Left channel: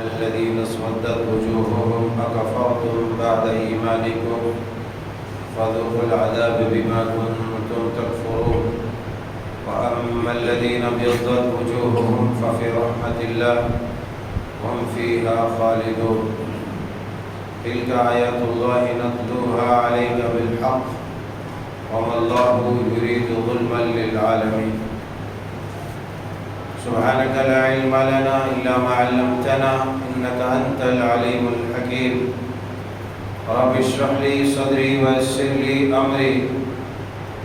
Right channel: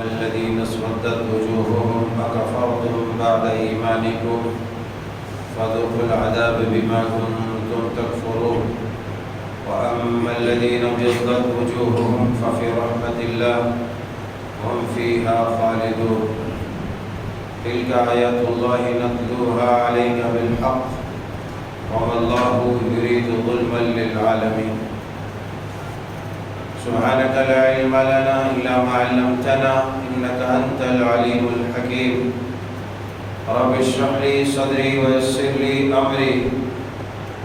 الذين اسودت وجوههم أكفرتم بعد إيمانكم فذوقوا العذاب بما كنتم تكفرون وأما الذين ابيضت وجوههم ففي رحمة الله هم فيها خالدون تلك آيات الله نتلوها عليك بالحق وما الله يريد ظلما للعالمين سبحانك لا علم لنا إلا ما علمتنا إنك أنت العليم الحكيم رب اشرح لي صدري ويسر لي أمري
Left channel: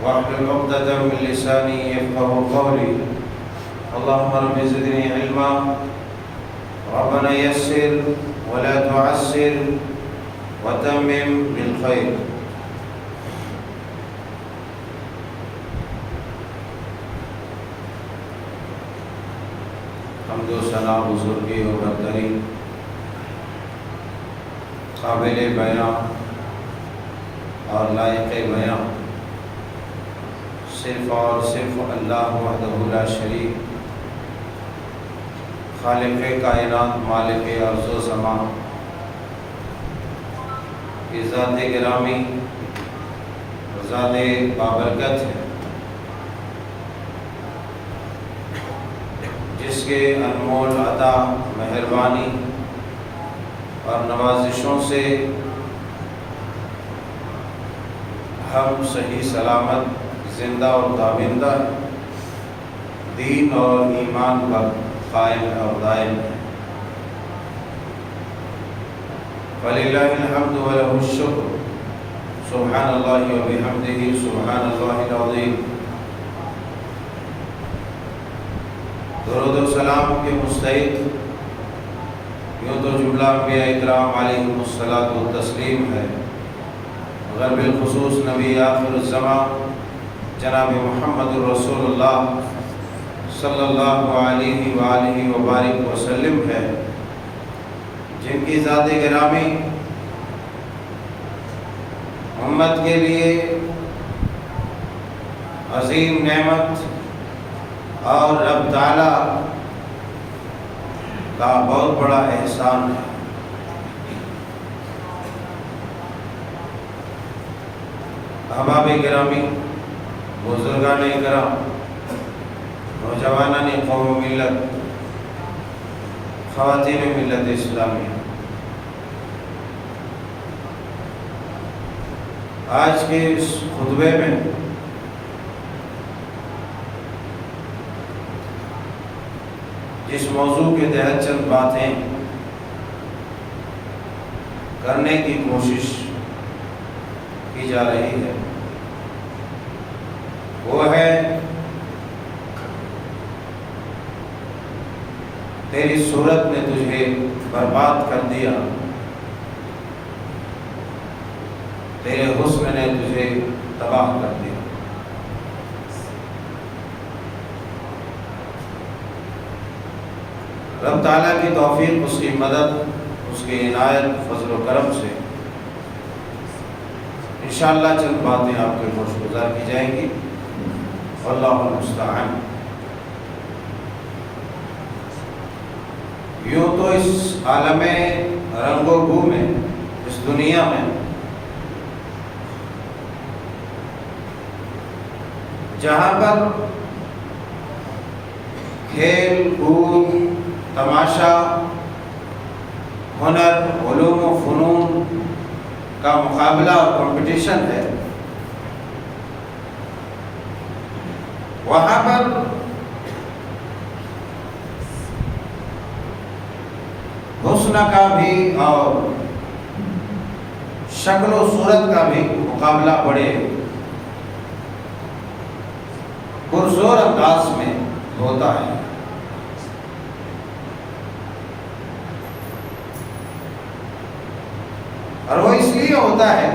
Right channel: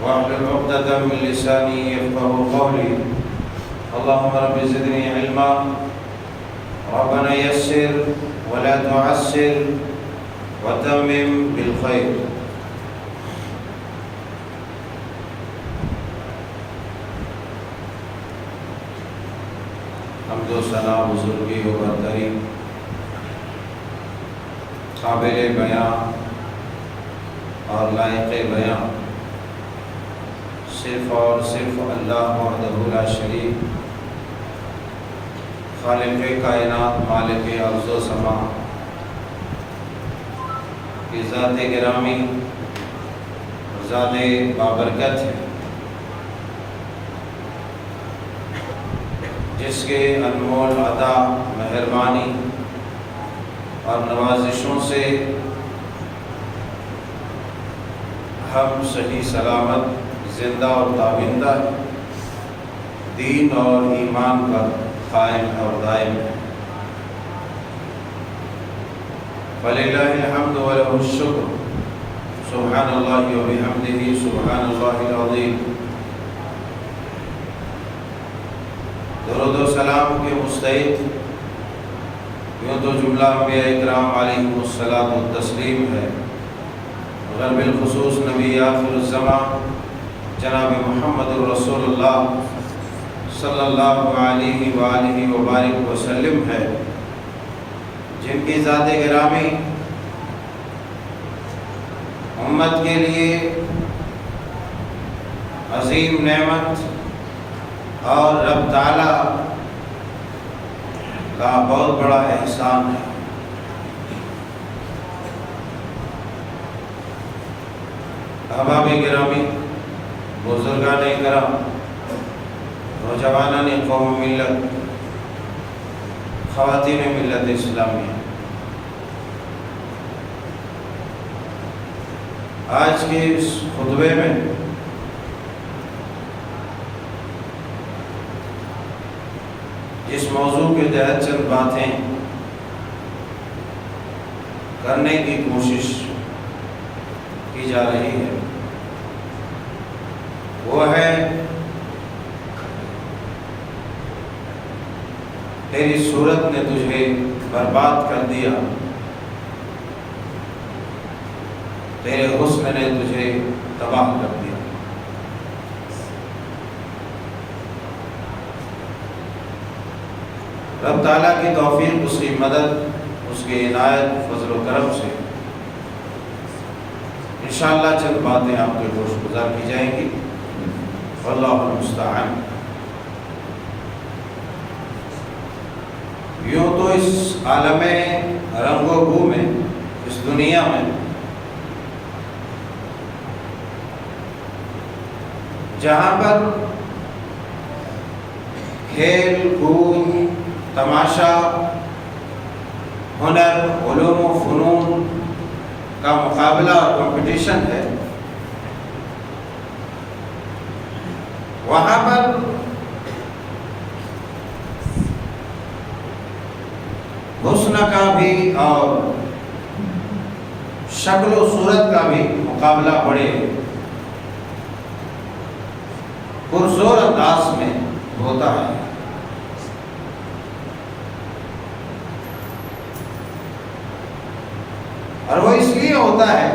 واحلل عقدة من لساني يفقهوا قولي اللهم رب زدني علما ربنا يسر ولا تعسر وتمم بالخير حمد و ثنا بزرگی و برتری قابل بیاں اور لائق بیاں صرف اور صرف اللہ وحدہ لا شریک خالق کائنات مالک ارض و سما کی ذات گرامی ذات بابرکت ہے، جس کے انمول عطا مہربانی اور نوازشوں سے ہم صحیح سلامت زندہ اور تابندہ دین اور ایمان پر قائم اور دائم ہے۔ فللہ الحمد ولہ الشکر سبحان اللہ وبحمدہ سبحان اللہ العظیم۔ درود و سلام کے مستحق یوں تو جملہ انبیاء اکرام علیہم الصلاۃ والتسلیم ہے، مگر بالخصوص نبی آخر الزمان جناب محمد الرسول اللہ صلی اللہ علیہ وآلہ وبارک وسلم ہے، جن کی ذات گرامی امت کے لیے عظیم نعمت اور رب تعالیٰ کا بہت بڑا احسان ہے۔ احباب گرامی، بزرگان کرام، نوجوانان قوم ملت، خواتین ملت اسلامیہ، آج کے اس خطبے میں جس موضوع کے تحت چند باتیں کرنے کی کوشش کی جا رہی ہے وہ ہے تیری صورت نے تجھے برباد کر دیا، تیرے حسن نے تجھے تباہ کر دیا۔ رب تعالیٰ کی توفیق، اس کی مدد، اس کی عنایت، فضل و کرم سے انشاءاللہ چند باتیں آپ کے گوش گزار کی جائیں گی، واللہ المستعان۔ یوں تو اس عالم رنگ و بو میں، اس دنیا میں جہاں پر کھیل کود، تماشا، ہنر، علوم و فنون کا مقابلہ اور کمپٹیشن ہے، وہاں پر حسن کا بھی اور شکل و صورت کا بھی مقابلہ بڑے پرزور انداز میں ہوتا ہے۔ اور وہ اس لیے ہوتا ہے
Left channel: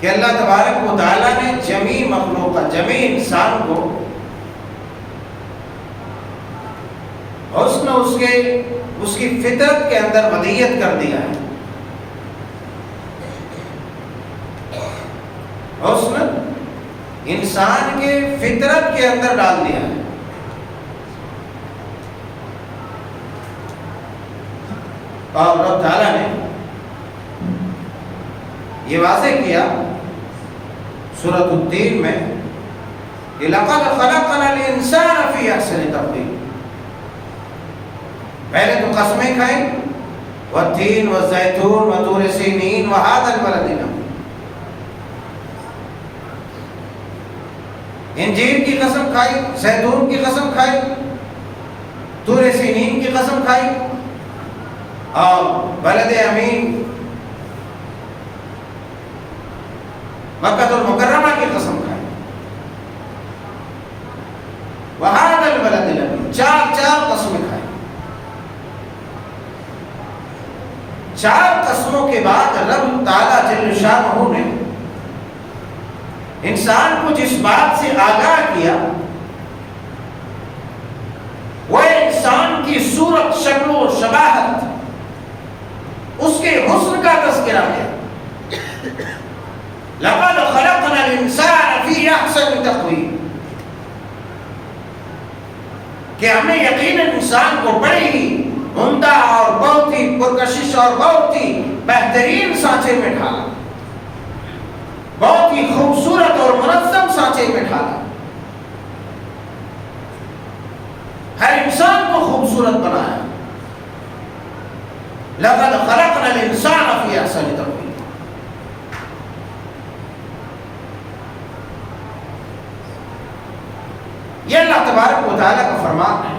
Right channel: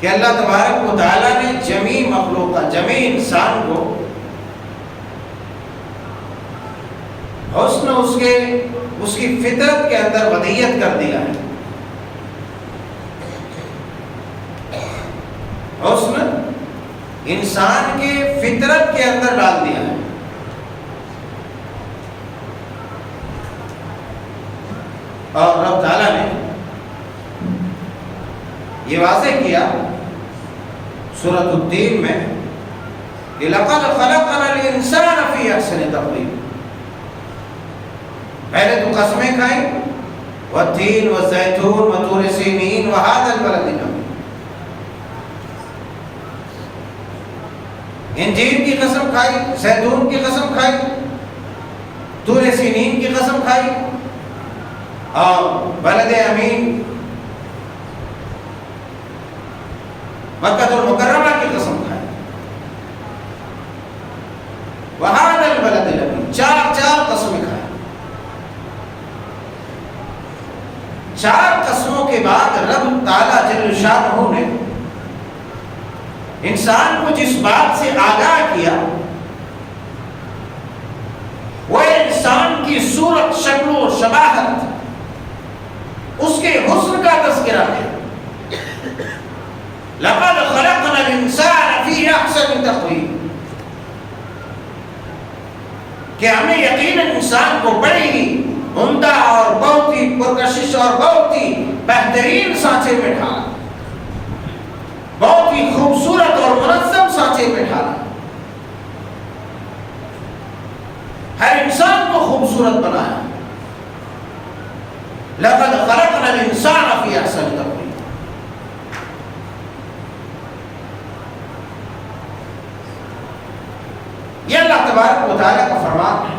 کہ اللہ تبارک و تعالیٰ نے جمیع مخلوق، جمیع انسان کو حسن اس کی فطرت کے اندر ودیت کر دیا ہے۔ حسن انسان کے فطرت کے اندر ڈال دیا ہے۔ اور رب تعالیٰ نے یہ واضح کیا سورۃ التین میں کہ لَقَدْ خَلَقْنَا الْإِنسَانَ فِي أَحْسَنِ تَقْوِيمٍ. پہلے تو قسمیں کھائیں وَالتِّينِ وَالزَّيْتُونِ وَطُورِ سِينِينَ وَهَذَا الْبَلَدِ الْأَمِينِ. انجیر کی قسم کھائی، زیتون کی قسم کھائی، طور سینین کی قسم کھائی، اور بلد امین مکہ المکرمہ کی قسم کھائی. وہذا البلد الامین، چار قسمیں کھائی. چار قسموں کے بعد رب تعالیٰ جل شانہ نے انسان کو جس بات سے آگاہ کیا وہ انسان کی صورت، شکل و شباہت، اس کے حسن کا تذکرہ کیا. لقد خلقنا الانسان فی احسن تقویم، کہ ہم نے یقیناً انسان کو بڑی ہی عمدہ اور بہت ہی پرکشش اور بہت ہی بہترین سانچے میں ڈھالا، بہت ہی خوبصورت اور منظم سانچے میں ڈھالا. ہر انسان کو خوبصورت بنایا. لقد خلقنا الانسان فی احسن تقویم. یہ اللہ تبارک و تعالیٰ کا فرمان ہے،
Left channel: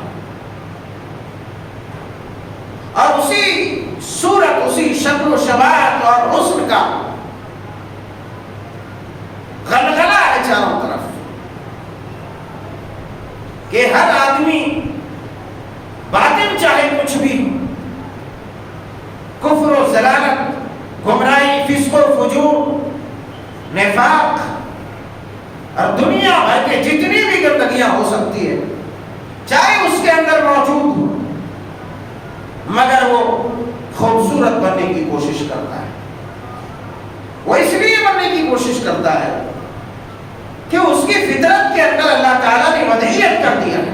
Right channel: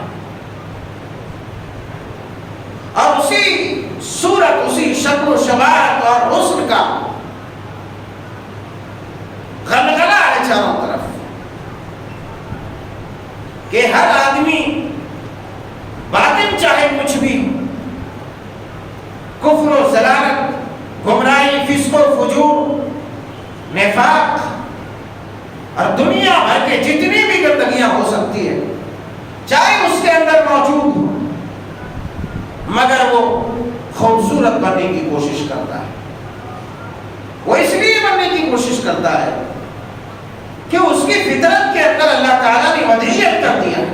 اور اسی صورت، اسی شکل و شباہت اور حسن کا غلغلہ ہے چاروں طرف کہ ہر آدمی باطن چاہے کچھ بھی ہو، کفر و ضلالت، گمراہی، فسق و فجور، نفاق اور دنیا بھر کے جتنی بھی گندگیاں ہو سکتی ہے چاہے اس کے اندر موجود ہو، مگر وہ خوبصورت بننے کی کوشش کرتا ہے. وہ اس لیے بننے کی کوشش کرتا ہے کہ اس کی فطرت کے اندر اللہ تعالیٰ نے وضعیت کر دیا ہے.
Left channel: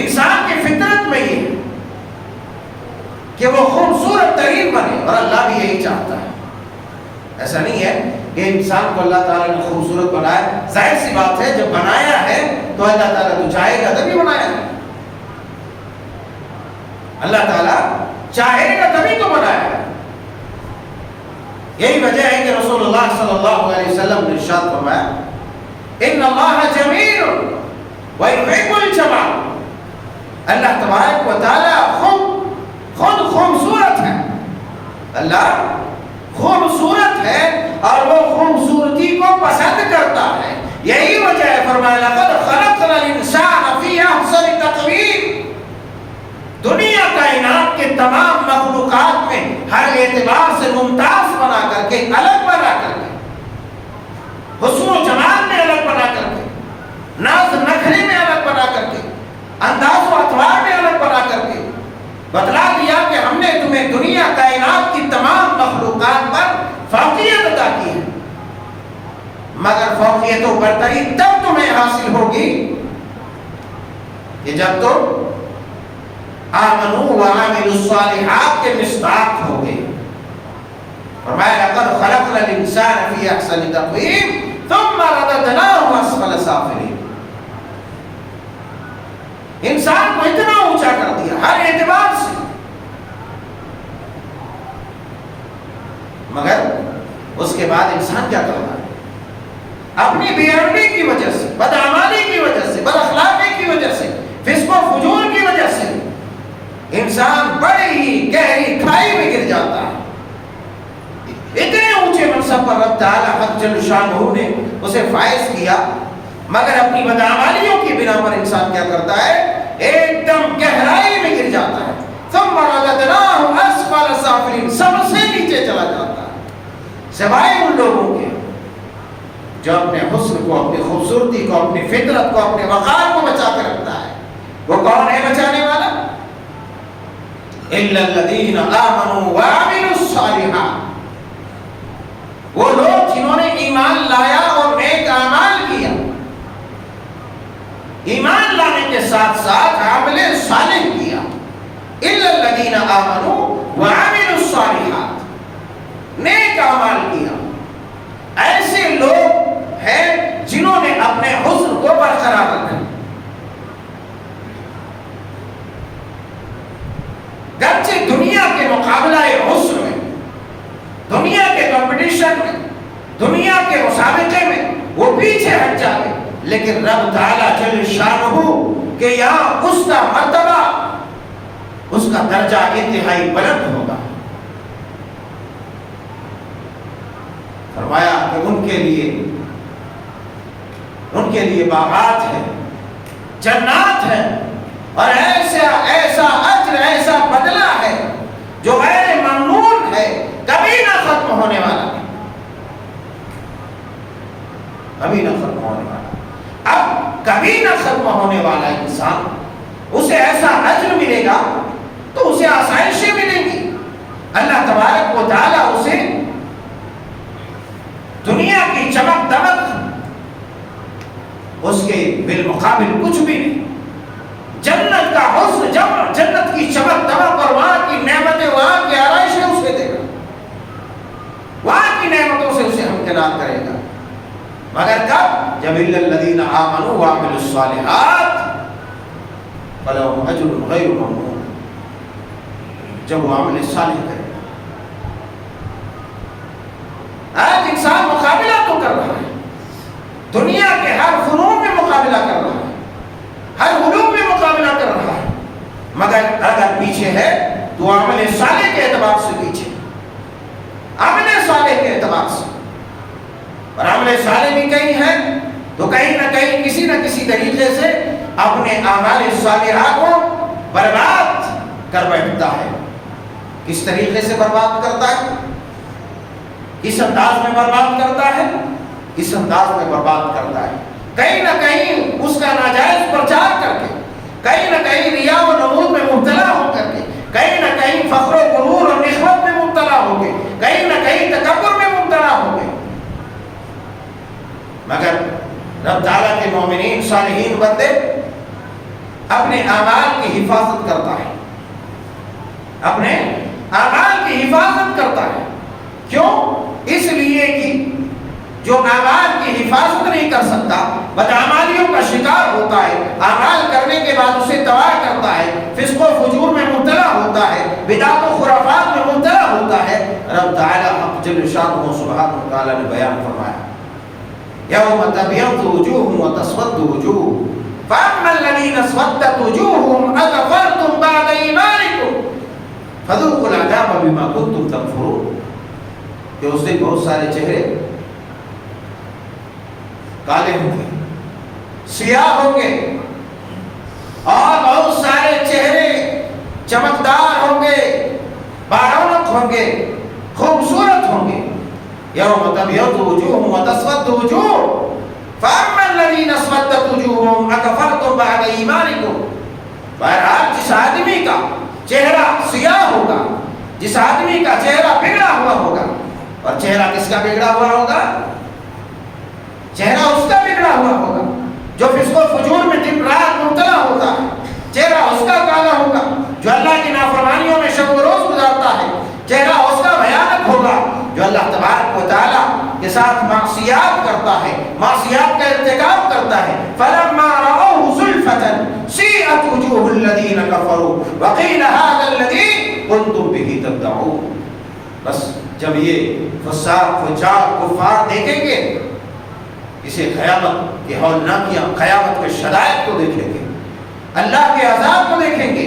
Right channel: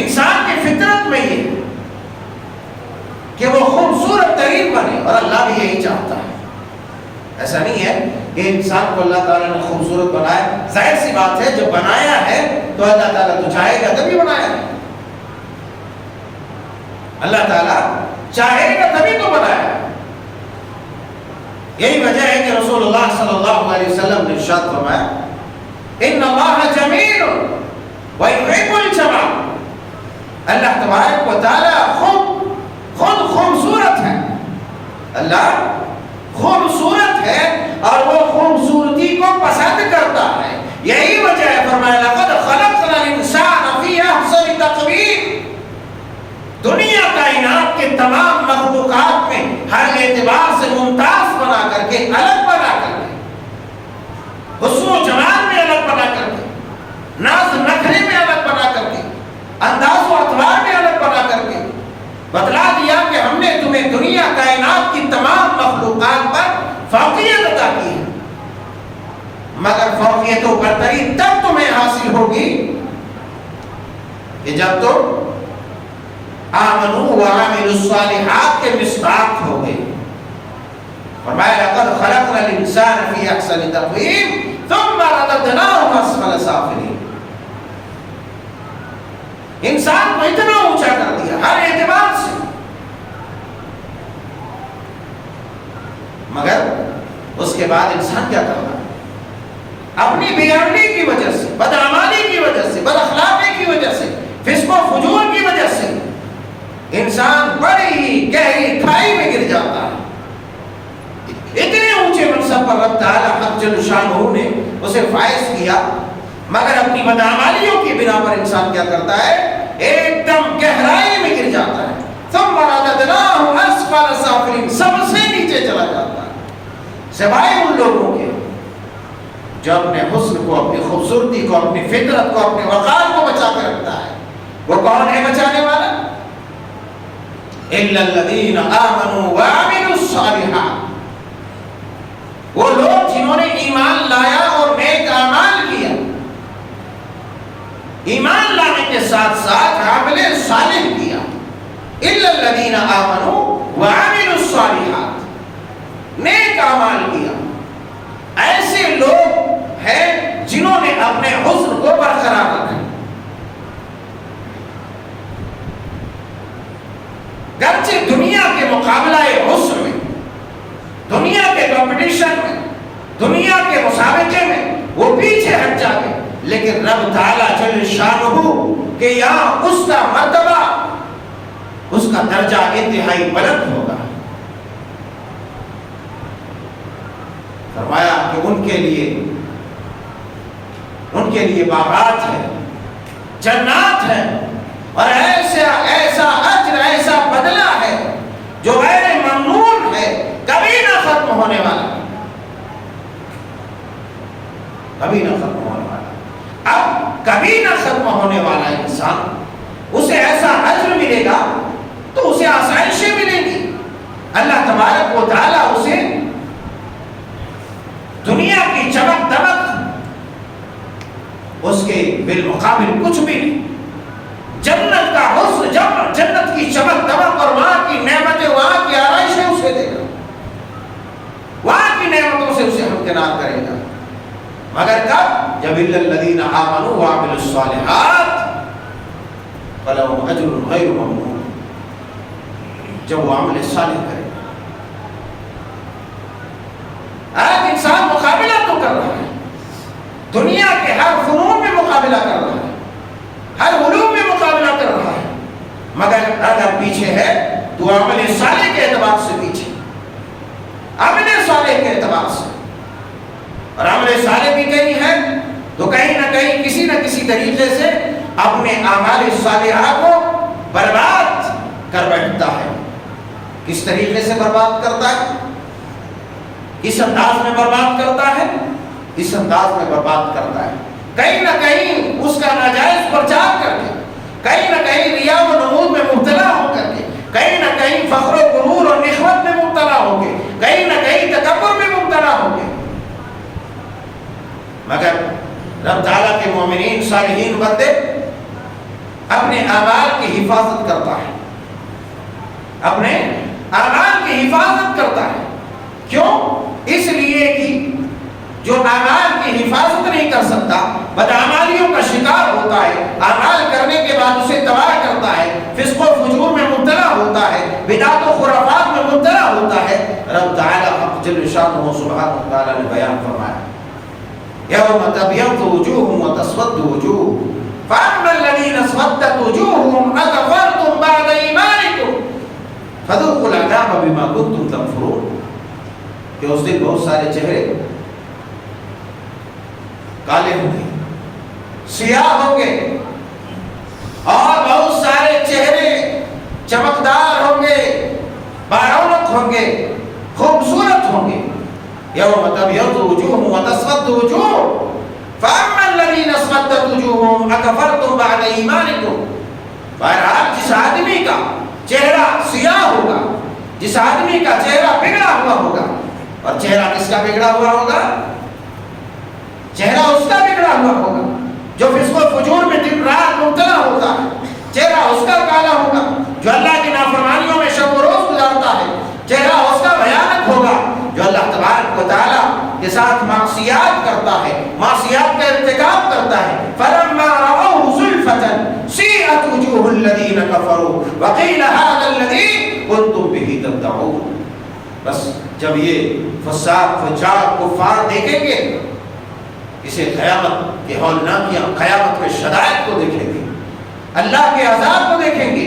انسان کی فطرت میں یہ ہے کہ وہ خوبصورت ترین بنے، اور اللہ بھی یہی چاہتا ہے. ایسا نہیں ہے کہ انسان کو اللہ تعالیٰ نے خوبصورت بنایا. ظاہر سی بات ہے جب بنایا ہے تو اللہ تعالیٰ تو چاہے گا تبھی بنایا ہے. اللہ تعالیٰ چاہے گا تبھی تو بنایا ہے. یہی وجہ ہے کہ رسول اللہ صلی اللہ علیہ وسلم نے ارشاد فرمایا ان اللہ جمیل ویحب الجمال. اللہ تبارک و تعالیٰ خود خوبصورت ہے. اللہ خوبصورت ہے اور وہ خوبصورتی کو پسند کرتا ہے. یہی وجہ ہے فرمایا لقد خلقنا الانسان فی احسن تقویم. دنیا کائنات کے تمام مخلوقات میں ہر اعتبار سے ممتاز بنا کر کے، الگ بنا کر کے، حسن و جمال میں الگ بنا کر کے، ناز نخرے میں الگ بنا کر کے، انداز و اطوار میں الگ بنا کر کے بتلا دیا کہ ہم نے تمہیں دنیا کائنات کی تمام مخلوقات پر فوقیت عطا کی ہے. مگر فوقیت و برتری تب تمہیں حاصل ہوگی کہ جب تم آمنوا وعملوا الصالحات کے مصداق ہو گئے. فرمایا لقد خلقنا الانسان فی احسن تقویم ثم رددناہ اسفل سافلین. انسان کو اتنا اونچا کر دیا ہر اعتبار سے، مگر اس کے بعد انسان کیا کر رہا ہے؟ اپنی بے عملی کی وجہ سے، بدعمالی کی وجہ سے، بد اخلاقی کی وجہ سے، فسق و فجور کی وجہ سے انسان بڑی ہی گہری کھائی میں گر جاتا ہے. اتنے اونچے منصب پر رب تعالیٰ حق جل شانہ نے اسے فائز کیا، مگر اپنی بدعمالیوں کی بنا پر انسان کیا کرتا ہے؟ ایک دم گہرائی میں گر جاتا ہے. ثم رددناہ اسفل سافلین، سب سے نیچے چلا جاتا ہے، سوائے ان لوگوں کے جو اپنے حسن کو، اپنی خوبصورتی کو، اپنی فطرت کو، اپنے وقار کو بچا کے رکھتا ہے. وہ کون ہے بچانے والا؟ الا الذین آمنوا وعملوا الصالحات. وہ لوگ جنہوں نے ایمان لایا اور نیک اعمال کیا. ایمان لانے کے ساتھ ساتھ عمل صالح کیا. الا الذین آمنوا وعملوا الصالحات، نیک اعمال کیا، ایسے لوگ ہیں جنہوں نے اپنے حسن کو برقرار رکھا۔ گرچہ دنیا کے مقابلہ حسن میں، دنیا کے کمپٹیشن میں، دنیا کے مسابقے میں وہ پیچھے ہٹ جائے، لیکن رب تعالیٰ جل شانہ کہ یہاں اس کا مرتبہ، اس کا درجہ انتہائی بلند ہوگا۔ فرمایا کہ ان کے لیے باغات ہیں، جنات ہیں، اور ایسا اجر، ایسا بدلہ ہے جو غیر ممنون ہے، کبھی نہ ختم ہونے والا، کبھی نہ ختم ہونے والا۔ اب کبھی نہ ختم ہونے والا انسان، اسے ایسا اجر ملے گا تو اسے آسائشیں ملیں گی، اللہ تبارک و تعالیٰ اسے دنیا کی چمک دمک اس کے بالمقابل کچھ بھی نہیں، جنت کا حسن، جنت کی چمک دمک اور وہاں کی نعمتیں، وہاں کی آرائشیں اسے دے گا، وہاں کی نعمتوں سے اسے ہمکنار کرے گا، مگر کب؟ جب الا الذین آمنوا وعملوا الصالحات فلہم اجر غیر ممنون، جب وہ عمل صالح کرے گا۔ آج انسان مقابلہ تو کر رہا ہے، دنیا کے ہر فنون میں مقابلہ کر رہا ہے، ہر علوم میں مقابلہ کر رہا ہے، مگر اگر پیچھے ہے تو عمل صالح کے اعتبار سے پیچھے، عمل صالح کے اعتبار سے۔ اور عمل صالح بھی کہیں ہے تو کہیں نہ کہیں کسی نہ کسی طریقے سے اپنے اعمال صالحہ کو برباد کر بیٹھتا ہے۔ کس طریقے سے برباد کرتا ہے؟ کس انداز میں برباد کرتا ہے؟ اس انداز میں برباد کرتا ہے، کہیں نہ کہیں اس کا ناجائز پرچار کر کے، کہیں نہ کہیں ریا و نمود میں مبتلا ہو کر کے، کہیں نہ کہیں فخر و غرور اور نخوت میں مبتلا ہو کے، کہیں نہ کہیں تکبر میں مبتلا ہو کے۔ مگر رب تعالیٰ کے مومنین صالحین بندے اپنے اعمال کی حفاظت کرتا ہے، اپنے اعمال کی حفاظت کرتا ہے۔ کیوں؟ اس لیے کہ جو اعمال کی حفاظت نہیں کر سکتا، بدعمالیوں کا شکار ہوتا ہے، اعمال کرنے کے بعد اسے تباہ کرتا ہے، فسق و فجور میں مبتلا ہوتا ہے، بدعت و خرافات میں مبتلا ہوتا ہے، رب تعالیٰ حق جل شانہ سبحانہ وتعالیٰ نے بیان فرمایا یوم تبیض وجوہ وتسود وجوہ فاما الذین اسودت وجوہہم اکفرتم بعد ایمانکم فذوقوا العذاب بما کنتم تکفرون، کہ اس دن بہت سارے چہرے کالے ہوں گے، سیاہ ہوں گے، اور بہت سارے چہرے چمکدار ہوں گے، بارونق ہوں گے، خوبصورت ہوں گے۔ یوم تبیض وجوہ وتسود وجوہ فاما الذین اسودت وجوہہم اکفرتم بعد ایمانکم۔ بہرحال جس آدمی کا چہرہ سیاہ ہوگا، جس آدمی کا چہرہ بگڑا ہوا ہوگا، اور چہرہ کس کا بگڑا ہوا ہوگا؟ چہرہ اس کا بگڑا ہوا ہوگا جو فسق و فجور میں دن رات مبتلا ہوتا ہے، چہرہ اس کا کالا ہوگا جو اللہ کی نافرمانیوں میں شب و روز گزارتا ہے، چہرہ اس کا بھیانک ہوگا جو اللہ تبارک و تعالیٰ کے ساتھ معصیات کرتا ہے، معصیات کا ارتکاب کرتا ہے۔ فَلَمَّا رَأَوْهُ زُلْفَةً سِیئَتْ وُجُوهُ الَّذِینَ كَفَرُوا وَقِیلَ هَٰذَا الَّذِی كُنتُم بِهِ تَدَّعُونَ۔ بس جب یہ فساق فجار کفار دیکھیں گے، اسے قیامت کے ہولناکیاں، قیامت کے شدائد کو دیکھیں گے، اللہ کے عذاب کو دیکھیں گے۔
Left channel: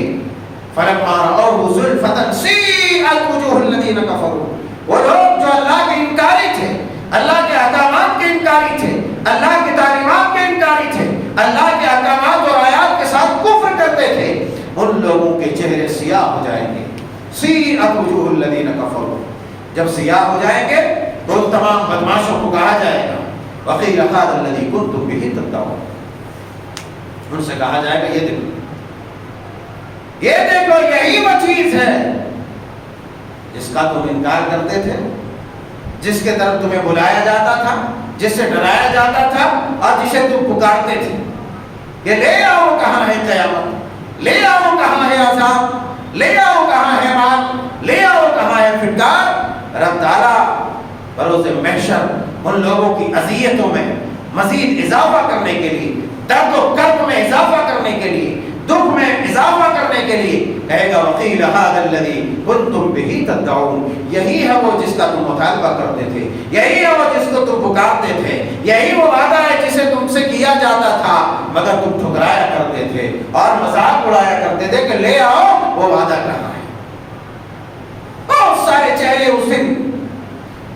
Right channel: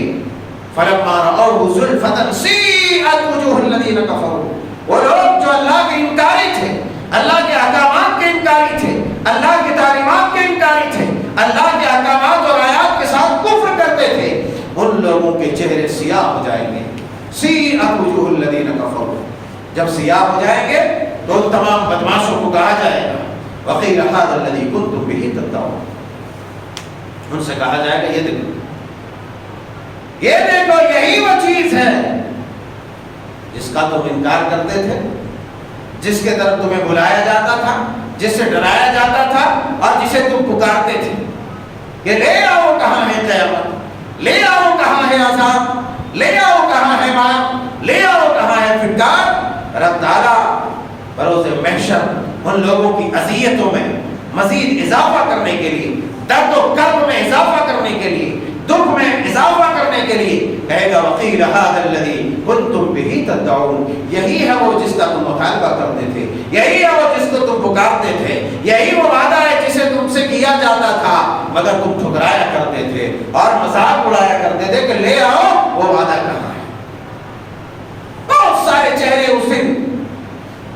فَلَمَّا رَأَوْهُ زُلْفَةً سِیئَتْ وُجُوهُ الَّذِینَ كَفَرُوا، وہ لوگ جو اللہ کے انکاری تھے، اللہ کے احکامات کے انکاری تھے، اللہ کی تعلیمات کے انکاری تھے، اللہ کے احکامات اور آیات کے ساتھ کفر کرتے تھے، ان لوگوں کے چہرے سیاہ ہو جائیں گے۔ سِیئَتْ وُجُوهُ الَّذِینَ كَفَرُوا، جب سیاہ ہو جائیں گے تو ان تمام بدماشوں کو کہا جائے گا وَقِیلَ هَٰذَا الَّذِی كُنتُم بِهِ تَدَّعُونَ، ان سے کہا جائے گا یہ دیکھو یہی وہ چیز ہے جس کا تم انکار کرتے تھے، جس کے طرف تمہیں بلایا جاتا تھا، جس سے ڈرایا جاتا تھا، اور جسے تم پکارتے تھے کہ لے آؤ کہاں ہے قیامت، لے آؤ کہاں ہے عذاب، لے آؤ کہاں ہے مال، لے آؤ کہاں ہے فٹکار۔ رب تعالیٰ بروز محشر ان لوگوں کی اذیتوں میں مزید اضافہ کرنے کے لیے، درد و کرب میں اضافہ کرنے کے لیے، دکھ میں اضافہ کرنے کے لیے کہے گا وقیل ھذا الذی کنتم بہ تدعون، یہی ہے وہ جس کا تم مطالبہ کرتے تھے، یہی ہے وہ جس کو تم پکارتے تھے، یہی وہ وعدہ ہے جسے تم سے کیا جاتا تھا مگر تم ٹھکرایا کرتے تھے اور مذاق اڑایا کرتے تھے کہ لے آؤ، وہ وعدہ کہاں ہے۔ بہت سارے چہرے اس دن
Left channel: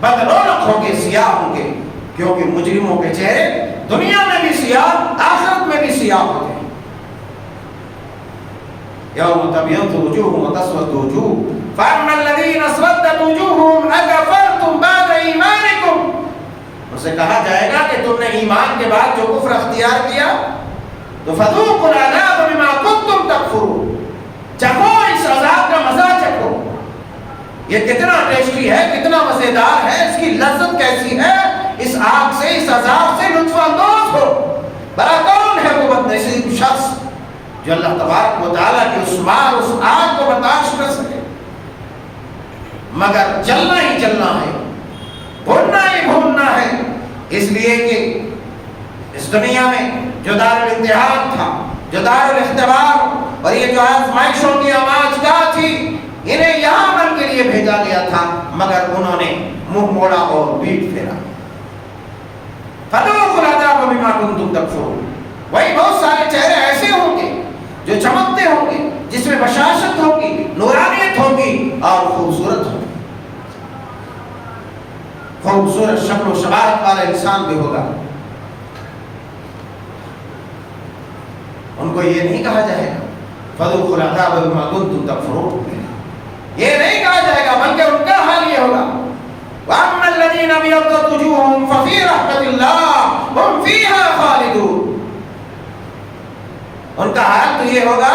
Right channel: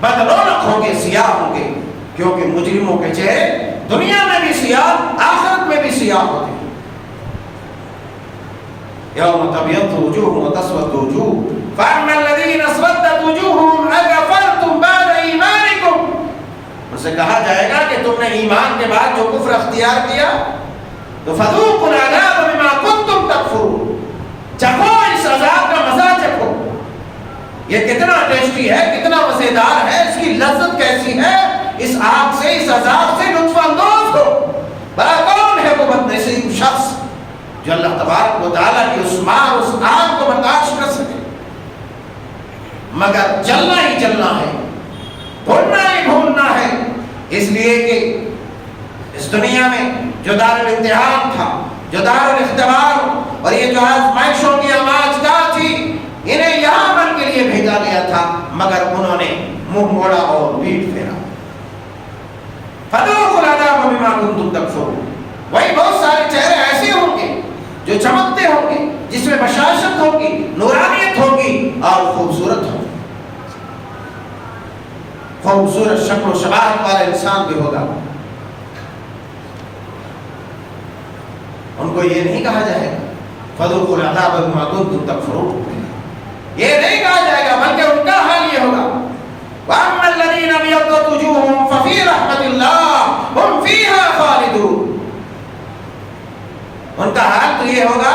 بدرونق ہوں گے، سیاہ ہوں گے، کیونکہ مجرموں کے چہرے دنیا میں بھی سیاہ، آخرت میں بھی سیاہ ہوتے ہیں۔ یوم تبیض وجوہ وتسود وجوہ فاما الذین اسودت وجوہہم اکفرتم بعد ایمانکم، ان سے کہا جائے گا کہ تم نے ایمان کے بعد جو کفر اختیار کیا تو فذوقوا العذاب بما کنتم تکفرون، چکھو اس عذاب کا مزہ چکھو، یہ کتنا ٹیسٹی ہے، کتنا مزیدار ہے، اس کی لذت کیسی ہے، اس آگ سے، اس عذاب سے لطف اندوز ہو۔ بھلا کون ہے وہ بدنصیب شخص جو اللہ تبارک و تعالیٰ کی اس مار، اس آگ کو برداشت کر سکے؟ مگر جلنا ہی جلنا ہے، بھوننا ہی بھوننا ہے، اس لیے کہ اس دنیا میں جو دار الامتحان تھا، جو دار الاختبار اور یہ جو آزمائشوں کی آماجگاہ تھی، انہیں یہاں عمل کے لیے بھیجا گیا تھا مگر انہوں نے منہ موڑا اور پیٹ پھیرا۔ فذوقوا العذاب بما کنتم تکفرون، وہی بہت سارے چہرے ایسے ہوں گے جو چمکتے ہوں گے، جس میں بشاشت ہوگی، نورانیت ہوگی اور خوبصورت ہوگی، خوبصورت شکل و شباہت والا انسان بھی ہوگا۔ ان کو یہ نہیں کہا جائے گا فذوقوا العذاب بما کنتم تکفرون، یہ نہیں کہا جائے گا، بلکہ ان کا حال یہ ہوگا وَأَمَّا الَّذِينَ ابْيَضَّتْ وُجُوهُهُمْ فَفِي رَحْمَةِ اللَّهِ هُمْ فِيهَا خَالِدُونَ، ان کا حال تو یہ ہوگا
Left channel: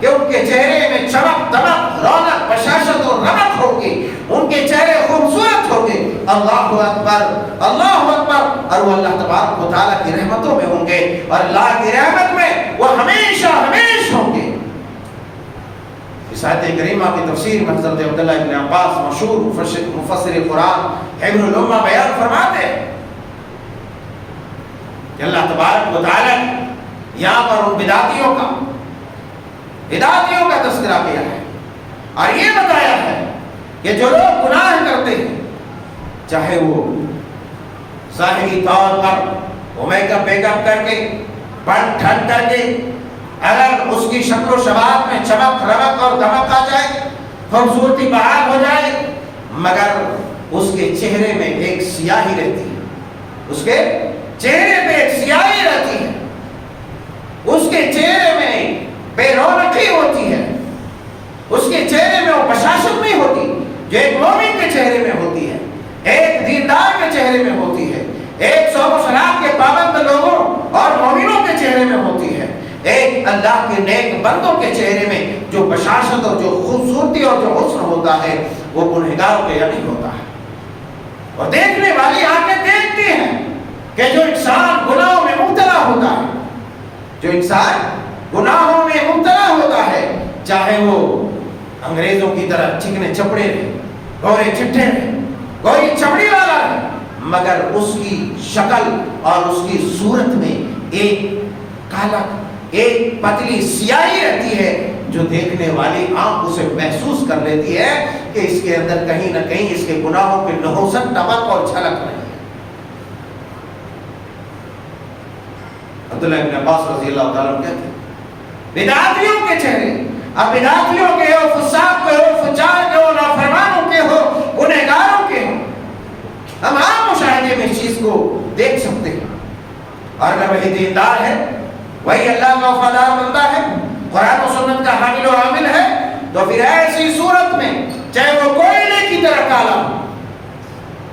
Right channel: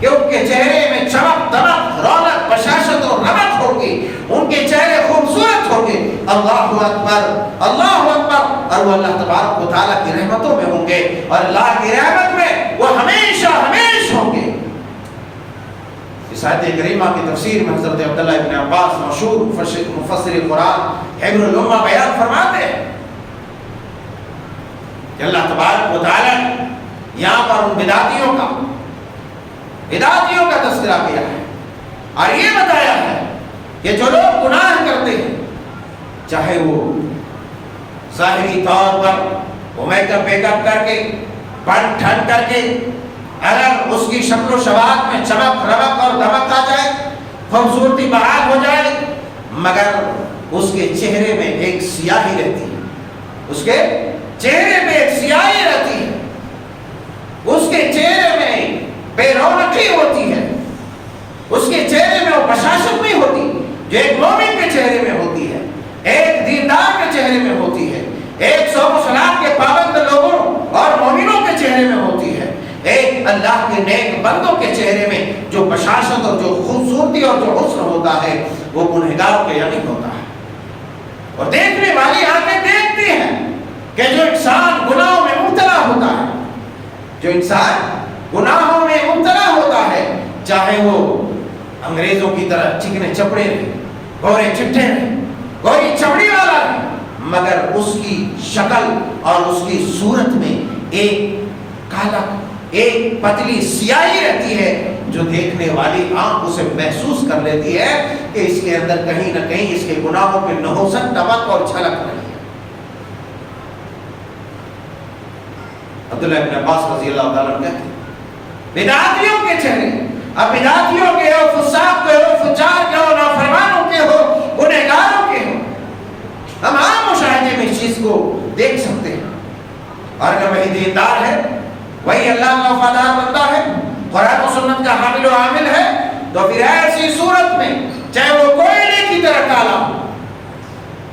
کہ ان کے چہرے میں چمک، دمک، رونق، بشاشت اور رمق ہوگی، ان کے چہرے خوبصورت ہوں گے۔ اللہ اکبر، اللہ اکبر، اور وہ اللہ تبارک و تعالیٰ کی رحمتوں میں ہوں گے، اور اللہ کی رحمت میں وہ ہمیشہ ہمیشہ ہوں گے۔ اس آیت کریمہ کی تفسیر میں حضرت عبداللہ ابن عباس مشہور مفسر قرآن حبر الامہ بیان فرماتے ہیں کہ اللہ تبارک و تعالیٰ یہاں پر ان بدعتیوں کا تذکرہ کیا ہے اور یہ بتایا ہے کہ جو لوگ گناہ کرتے ہیں، چاہے وہ ظاہری طور پر وہ میک اپ کر کے، بن ٹھن کر کے، اگر اس کی شکل و شباہت میں چمک، رمق اور دمک آ جائے، خوبصورتی بحال ہو جائے، مگر اس کے چہرے میں ایک سیاہی رہتی ہے، اس کے چہرے میں ایک سیاہی رہتی ہے، اس کے چہرے میں بے رونقی ہوتی ہے، اس کے چہرے میں وہ بشاشت نہیں ہوتی جو ایک مومن کے چہرے میں ہوتی ہے، ایک دیندار کے چہرے میں ہوتی ہے، ایک صوم و صلاۃ کے پابند لوگوں اور مومنوں کے چہرے میں ہوتی ہے، ایک اللہ کے نیک بندوں کے چہرے میں جو بشاشت اور جو خوبصورتی اور جو حسن ہوتا ہے وہ گنہگاروں کے یعنی ہوتا ہے۔ اور دیکھنے والی آنکھیں دیکھتی ہیں کہ جو انسان گناہوں میں مبتلا ہوتا ہے، جو انسان گناہوں میں مبتلا ہوتا ہے، چاہے وہ انگریزوں کی طرح چکنے چپڑے رہے، گورے چٹھے رہے، گوری چمڑی والا رہے، مگر اس کی شکل اور اس کی صورت میں ایک کالا، ایک پتلی سیاہی رہتی ہے جو دیکھنے والی آنکھ اسے محسوس کر لیتی ہے کہ اس کے اندر کہیں نہ کہیں اس کے گناہوں کی نحوست، ٹپک اور جھلک رہی ہے۔ عبداللہ ابن عباس رضی اللہ تعالیٰ عنہ کہتے ہیں بدعتیوں کے چہرے، اب بدعتیوں کے ہو، فساق کے ہو، فجار کے ہو، نافرمانوں کے ہو، گنہگاروں کے ہو، ہم عام مشاہدے میں اس چیز کو دیکھ سکتے ہیں۔ اور اگر وہی دیندار ہے، وہی اللہ کا وفادار بندہ ہے، قرآن و سنت کا حامل و عامل ہے، تو پھر ایسی صورت میں چاہے وہ کوئلے کی طرح کالا ہو،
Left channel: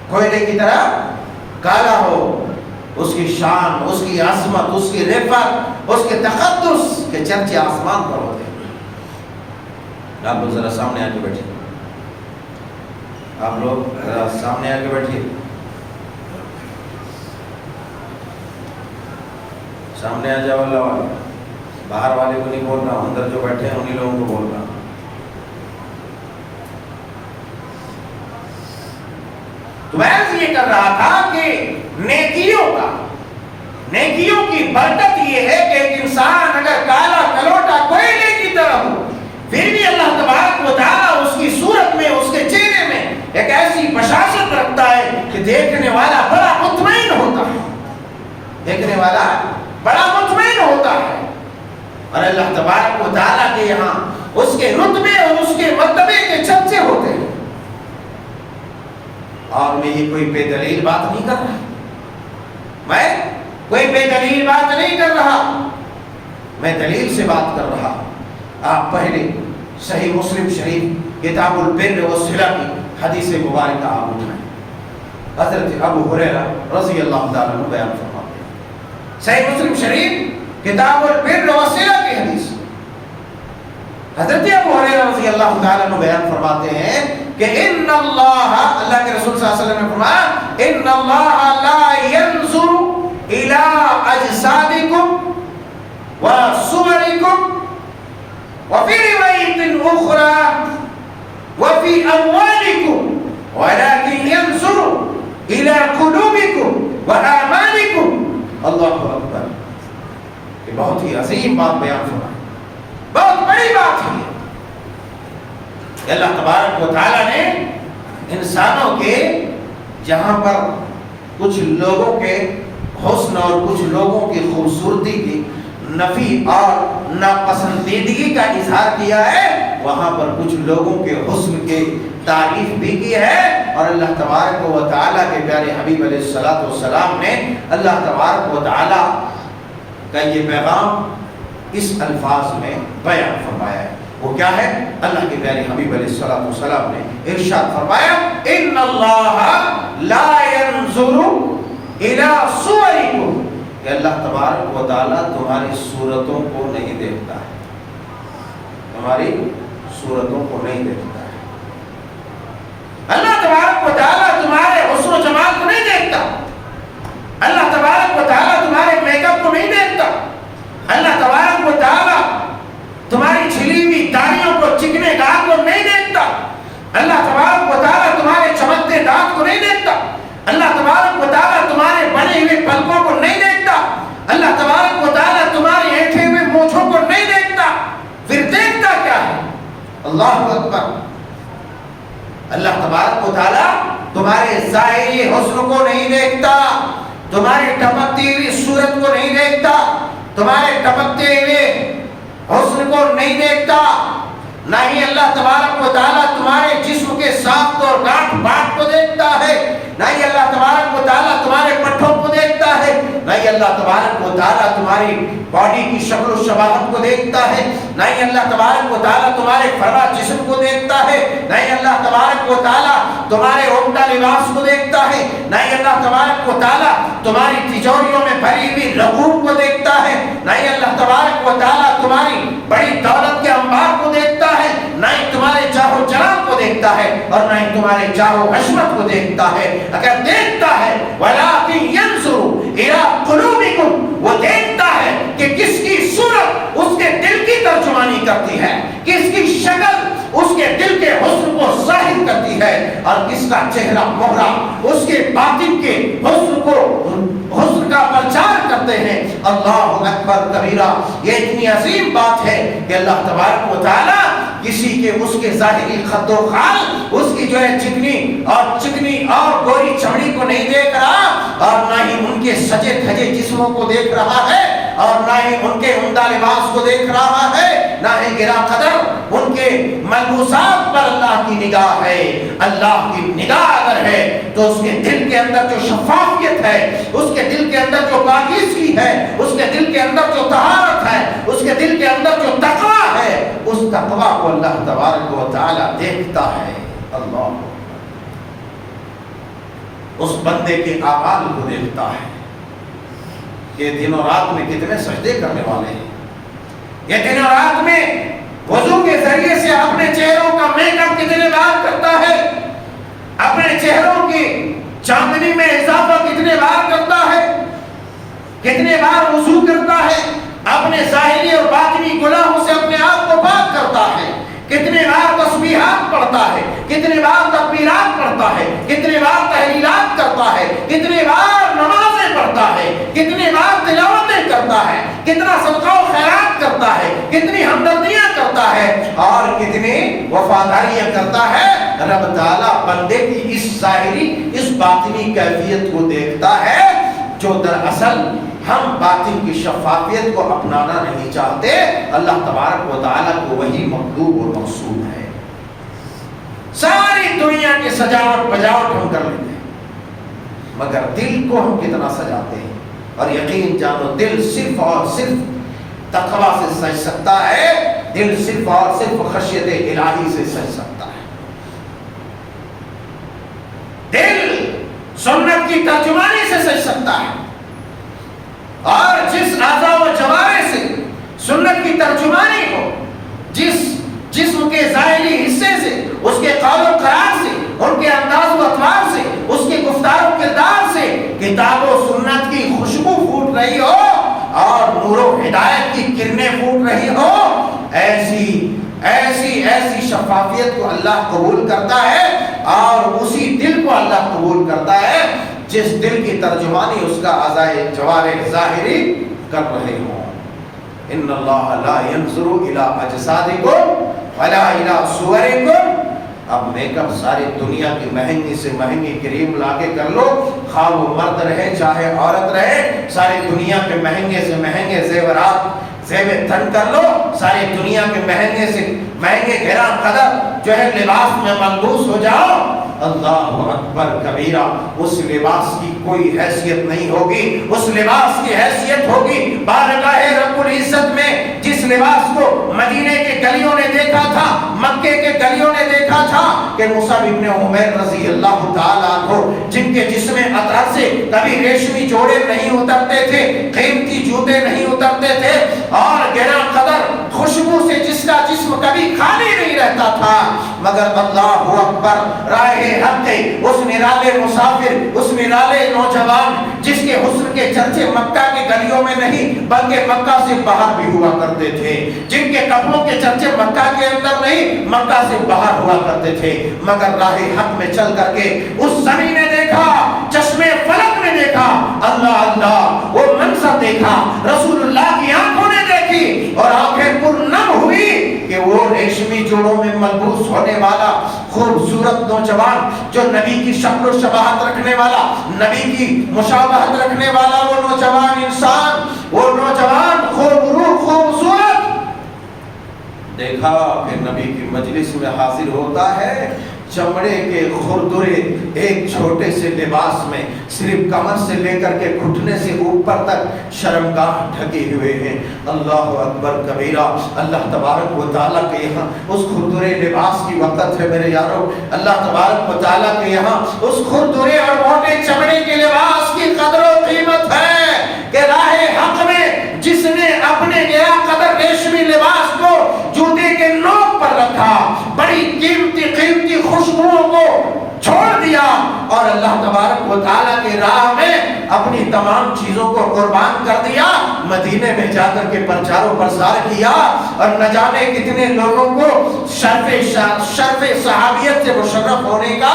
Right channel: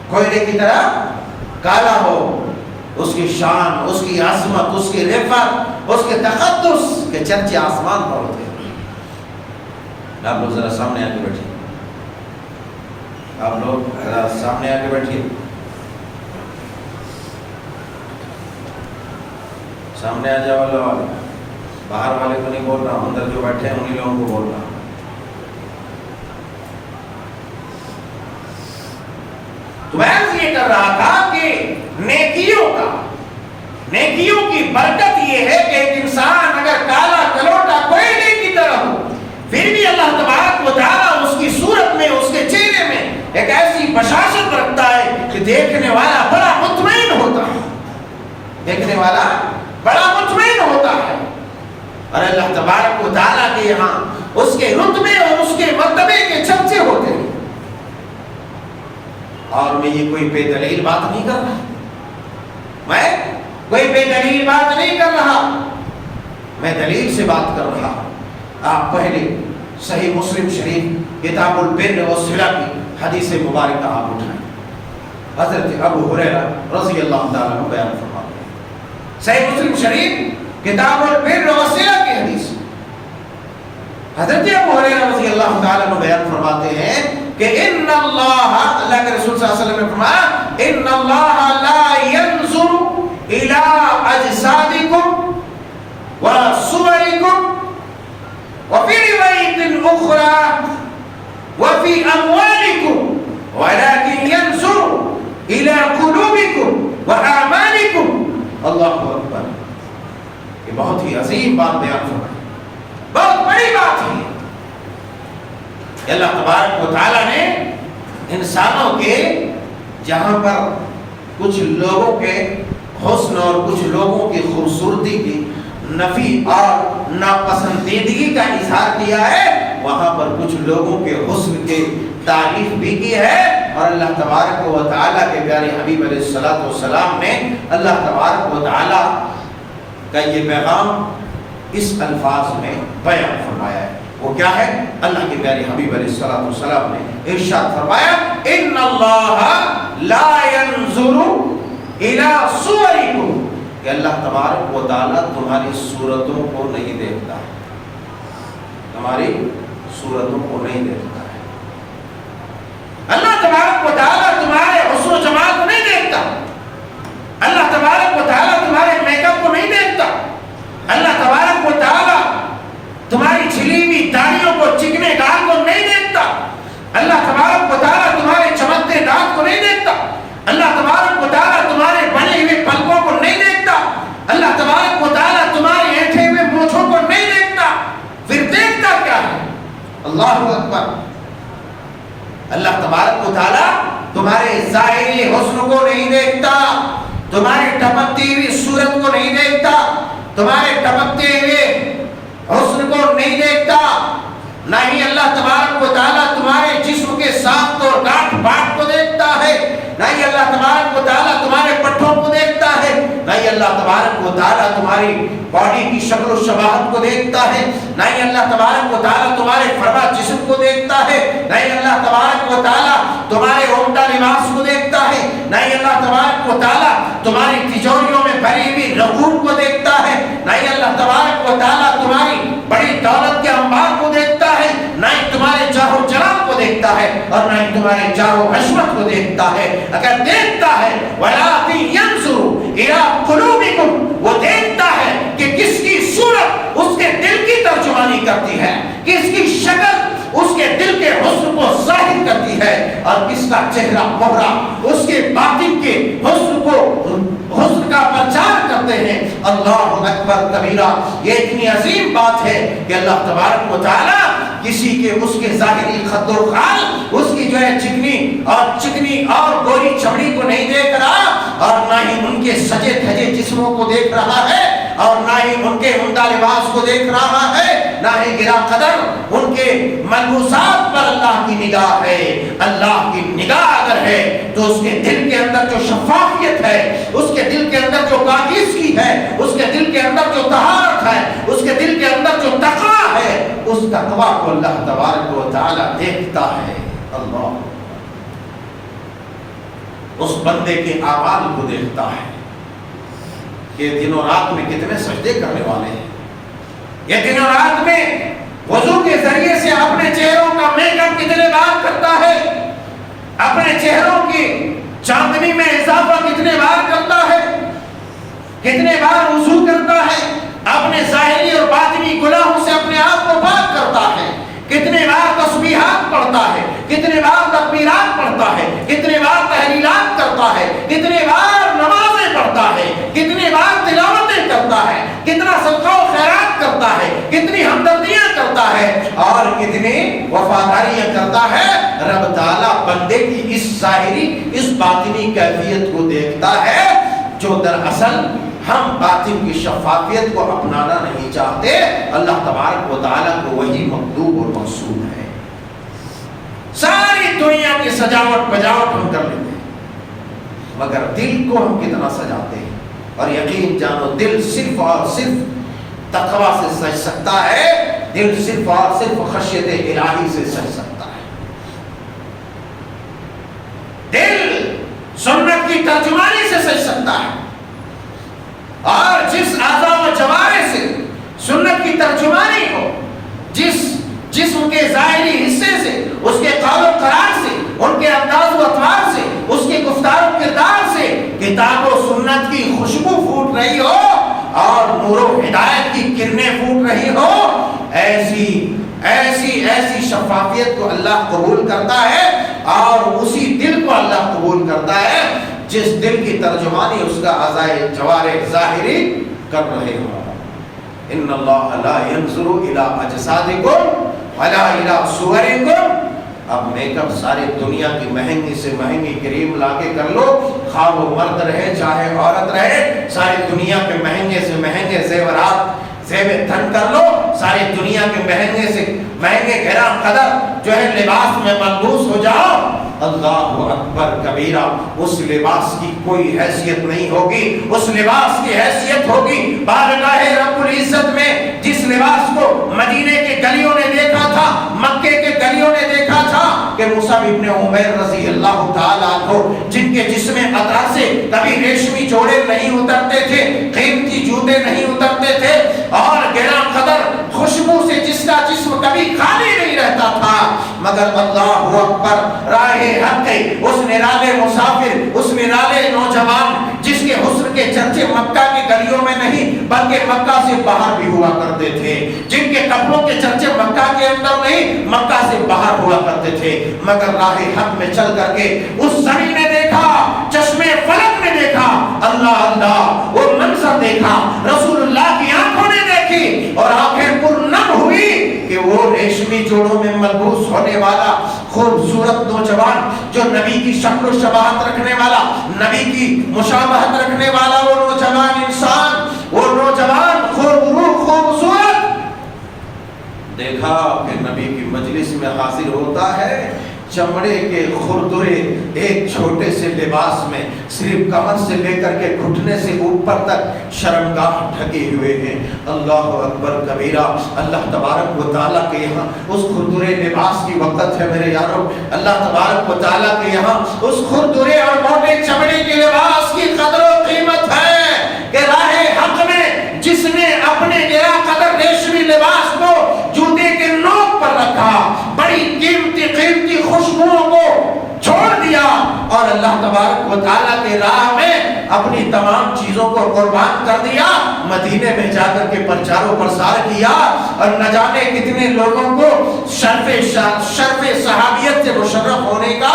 کوئلے کی طرح کالا ہو، اس کی شان، اس کی عظمت، اس کی رفعت، اس کے تقدس کے چرچے آسمان پر ہوتے ہیں۔ آپ لوگ ذرا سامنے آ کے بیٹھیے، آپ لوگ ذرا سامنے آ کے بیٹھیے، سامنے آ جاؤ، اللہ والے، باہر والے کو نہیں بول رہا ہوں، اندر جو بیٹھے ہیں انہی لوگوں کو بول رہا ہوں۔ تو میں یہ کر رہا تھا کہ نیکیوں کی برکت یہ ہے کہ ایک انسان اگر کالا کلوٹا کوئلے کی طرح ہو پھر بھی اللہ تبارک و تعالیٰ اس کی صورت میں اس کے چہرے میں ایک ایسی بشاشت رکھتا ہے کہ دیکھنے والا بڑا مطمئن ہوتا ہے، دیکھنے والا بڑا مطمئن ہوتا ہے۔ اور اللہ تبارک و تعالیٰ کے یہاں اس کے رتبے اور اس کے مرتبے کے چرچے ہوتے ہیں۔ اور میں یہ کوئی بے دلیل بات نہیں کر رہا، میں کوئی بے دلیل بات نہیں کر رہا، میں دلیل سے بات کر رہا ہوں۔ آپ پہلے صحیح مسلم شریف کتاب البر والصلہ کی حدیث مبارکہ آپ اٹھائیں، حضرت ابو ہریرہ رضی اللہ تعالیٰ عنہ بیان فرماتے ہیں، صحیح مسلم شریف کتاب البر والصلہ کی حدیث، حضرت ابو ہریرہ رضی اللہ تعالیٰ عنہ بیان فرماتے ہیں کہ ان اللہ کے رسول صلی اللہ علیہ وسلم نے فرمایا ان اللہ لا ينظر الى اجسادکم وصورکم وفي رواية أخرى وفي أموالكم ولكن ينظر إلى قلوبكم وأعمالكم۔ اللہ اکبر، یہ بہت ہی عظیم بات بیان فرمائی، بہت بڑی بات ہے۔ اللہ تبارک و تعالیٰ نے انسانوں کے جہاں پر کچھ لوگوں کے حسن اور کچھ لوگوں کی خوبصورتی کی نفی اور ناپسندیدگی کا اظہار کیا ہے، وہاں پر کچھ لوگوں کے حسن کے تعریف بھی کی ہے۔ اور اللہ تبارک و تعالیٰ کے پیارے حبیب علیہ الصلوۃ والسلام نے اللہ تبارک و تعالیٰ کا یہ پیغام اس الفاظ میں بیان فرمایا ہے۔ وہ کیا ہے؟ اللہ کے پیارے حبیب علیہ الصلوۃ والسلام نے ارشاد فرمایا ان اللہ لا ينظر الى صورکم، کہ اللہ تبارک و تعالیٰ تمہاری صورتوں کو نہیں دیکھتا ہے، تمہاری صورتوں کو نہیں دیکھتا ہے۔ اللہ تبارک و تعالیٰ تمہارے حسن و جمال کو نہیں دیکھتا، اللہ تبارک و تعالیٰ تمہارے میک اپ کو نہیں دیکھتا، اللہ تبارک و تعالیٰ تمہاری چھلی ہوئی داڑھیوں کو، چکنے دانت کو نہیں دیکھتا، اللہ تبارک و تعالیٰ تمہارے چمکتے دانت کو نہیں دیکھتا، اللہ تبارک و تعالیٰ تمہارے بنے ہوئے پلکوں کو نہیں دیکھتا، اللہ تبارک و تعالیٰ تمہارے ایٹھے ہوئے مونچھوں کو نہیں دیکھتا، پھر دیکھتا کیا ہے؟ اللہ اکبر، اللہ تبارک و تعالیٰ تمہارے ظاہری حسن کو نہیں دیکھتا، تمہاری ٹپکتی ہوئی صورت کو نہیں دیکھتا، تمہارے ٹپکتے ہوئے حسن کو نہیں دیکھتا، نہ ہی اللہ تبارک و تعالیٰ تمہارے جسم کے ساخت اور گاٹھ باٹ کو دیکھتا ہے، نہ ہی اللہ تبارک و تعالیٰ تمہارے پٹھوں کو دیکھتا ہے، نہ ہی اللہ تبارک و تعالیٰ تمہاری باڈی کی شکل و شباہت کو دیکھتا ہے، نہ ہی اللہ تبارک و تعالیٰ تمہارے فرما جسم کو دیکھتا ہے، نہ ہی اللہ تبارک و تعالیٰ تمہارے عمدہ لباس کو دیکھتا ہے، نہ ہی اللہ تبارک و تعالیٰ تمہاری تجوریوں میں بھری ہوئی رکوع کو دیکھتا ہے، نہ ہی اللہ تبارک و تعالیٰ تمہاری بڑی دولت کے انبار کو دیکھتا ہے، نہ ہی تمہارے جاہ و جلال کو دیکھتا ہے، اور نہ ہی تمہارے جاہ و عظمت کو دیکھتا ہے۔ اگر دیکھتا ہے وَلَٰكِن يَنظُرُ إِلَىٰ قُلُوبِكُمْ، وہ دیکھتا ہے کہ کس کی صورت اس کے دل کی ترجمانی کرتی ہے، کس کی شکل اس کے دل کے حسن کو ظاہر کرتی ہے، اور کس کا چہرہ مہرہ اس کے باطن کے حسن کا پرچار کرتے ہیں۔ اللہ اکبر کبیرہ، یہ اتنی عظیم بات ہے کہ اللہ تبارک و تعالیٰ کسی کے اس کے ظاہری خد و خال، اس کی جو ہے چکنی اور گوری چمڑی کو نہیں دیکھ رہا، اور نہ ہی ان کے سجے دھجے جسموں کو دیکھ رہا ہے، اور نہ ہی ان کے عمدہ لباس کو دیکھ رہا ہے، نہ ہی گرا قدر ان کے ملبوسات پر اللہ کی نگاہ ہے۔ اللہ کی نگاہ اگر ہے تو اس کے دل کے اندر جو شفافیت ہے، اس کے دل کے اندر جو پاکیزگی ہے، اس کے دل کے اندر جو طہارت ہے، اس کے دل کے اندر جو تقویٰ ہے، اس تقویٰ کو اللہ تبارک و تعالی دیکھتا ہے۔ اللہ اس بندے کے اعمال کو دیکھتا ہے کہ دن و رات میں کتنے سجدے کرنے والے ہیں، یہ دن و رات میں وضو کے ذریعے سے اپنے چہروں کا میک اپ کتنے بار کرتا ہے، اپنے چہروں کی چاندنی میں اضافہ کتنے بار کرتا ہے، کتنے بار وضو کرتا ہے، اپنے ظاہری اور باطنی گناہوں سے اپنے آپ کو پاک کرتا ہے، کتنے بار تسبیحات پڑھتا ہے، کتنے بار تکبیرات پڑھتا ہے، کتنے بار تحلیلات کرتا ہے، کتنے بار نمازیں پڑھتا ہے، کتنے بار تلاوتیں کرتا ہے، کتنا صدقہ و خیرات کرتا ہے، کتنی ہمدردیاں کرتا ہے اور کتنی وفاداریاں کرتا ہے۔ رب تعالیٰ بندے کی اس ظاہری اس باطنی کیفیت کو دیکھتا ہے جو دراصل ہم باطن کی شفافیت کو اپنانا نہیں چاہتے۔ اللہ تبارک و تعالیٰ کو وہی مطلوب اور مقصود ہے۔ ساری دنیا کی سجاوٹ بجاوٹ ہم کر لیتے ہیں مگر دل کو ہم کتنا سجاتے ہیں، اور یقین جانو دل صرف اور صرف تقویٰ سے سج سکتا ہے، دل صرف اور صرف خشیت الہی سے سج سکتا ہے۔ دل سنت کی ترجمانی سے سج سکتا ہے، اور جس اعضاء و جوارح سے سنت کی ترجمانی ہو، جس جسم کے ظاہری حصے سے، اس کے قول و قرار سے، ان کے انداز و اطوار سے، اس کے گفتار و کردار سے کتاب و سنت کی خوشبو پھوٹ رہی ہو اور نور و ہدایت کی کرنیں پھوٹ رہی ہو، ایسی شفافیت کو اللہ قبول کرتا ہے، اور اسی دل کو اللہ قبول کرتا ہے جس دل کی ترجمانی اس کا اعضاء جوارح ظاہری کر رہے ہوں۔ ان اللہ لا ينظر الى اجسادکم ولا الى صورکم۔ اب میک اپ ساری دنیا کی مہنگی سے مہنگی کریم لا کے کر لو، خواہ وہ مرد رہے چاہے عورت رہے، ساری دنیا کے مہنگے سے مہنگے زیورات زیب تن کر لو، ساری دنیا کے مہنگے سے مہنگے گرا قدر جو ہے لباس میں ملبوس ہو جاؤ، اللہ اکبر کبیرہ، اس لباس کی کوئی حیثیت نہیں ہوگی۔ اس لباس کی حیثیت ہوگی بارگاہ رب العزت میں۔ جس لباس کو مدینے کے گلیوں نے دیکھا تھا، مکے کے گلیوں نے دیکھا تھا کہ مصعب ابن عمیر رضی اللہ تعالیٰ عنہ، جن کے جسم اطہر سے کبھی ریشمی جوڑے نہیں اترتے تھے، قیمتی جوتے نہیں اترتے تھے، اور گرا قدر خوشبو سے جس کا جسم کبھی خالی نہیں رہتا تھا، مگر اللہ اکبر راہ حق اس نرالے مسافر، اس نرالے نوجوان جس کے حسن کے چرچے مکہ کے گلیوں میں نہیں بلکہ مکہ سے باہر بھی ہوا کرتے تھے، جن کے کپڑوں کے چرچے مکہ کے اندر نہیں مکہ سے باہر ہوا کرتے تھے، مگر راہ حق میں چل کر کے اس زمین نے دیکھا، چشمے فلک نے دیکھا، اللہ اللہ وہ منظر دیکھا، رسول اللہ کی آنکھوں نے دیکھی، اور آنکھیں پرنم ہوئی کہ وہ ریشمی جوڑوں میں ملبوس ہونے والا خوبصورت نوجوان، جو نبی کی شکل و شباہت رکھنے والا، نبی کی مشابہت رکھنے والا وہ نوجوان انسان، وہ نوجوان خوبصورت دیکھا کہ نبی کی مجلس میں حاضر ہوتا ہے، چمڑے کے خردرے ایک چھوٹے سے لباس میں، صرف کمر سے لے کر کے گھٹنے سے اوپر تک شرمگاہ ڈھکے ہوئے ہیں۔ اللہ اکبر کبیرہ، اللہ تبارک و تعالیٰ کے یہاں اس خردرے لباس کی وقت ہے میرے یارو، اللہ تبارک و تعالیٰ کے یہاں اس خردرے اور موٹے چمڑے کے لباس کی قدر و قیمت ہے کہ راہ حق میں جس نے اپنے گرا قدر ریشمی لباس کو جوتے کے نوک پر رکھا، بڑی قیمتی خوشبوؤں کو چھوڑ دیا اور اللہ تبارک و تعالیٰ کے راہ میں اپنی تمام چیزوں کو قربان کر دیا، مدینے میں جا کر کے پرچار و پرسار کیا، اور نہ جانے کتنے لوگوں کو شرف صحابیت سے مشرف ہونے کا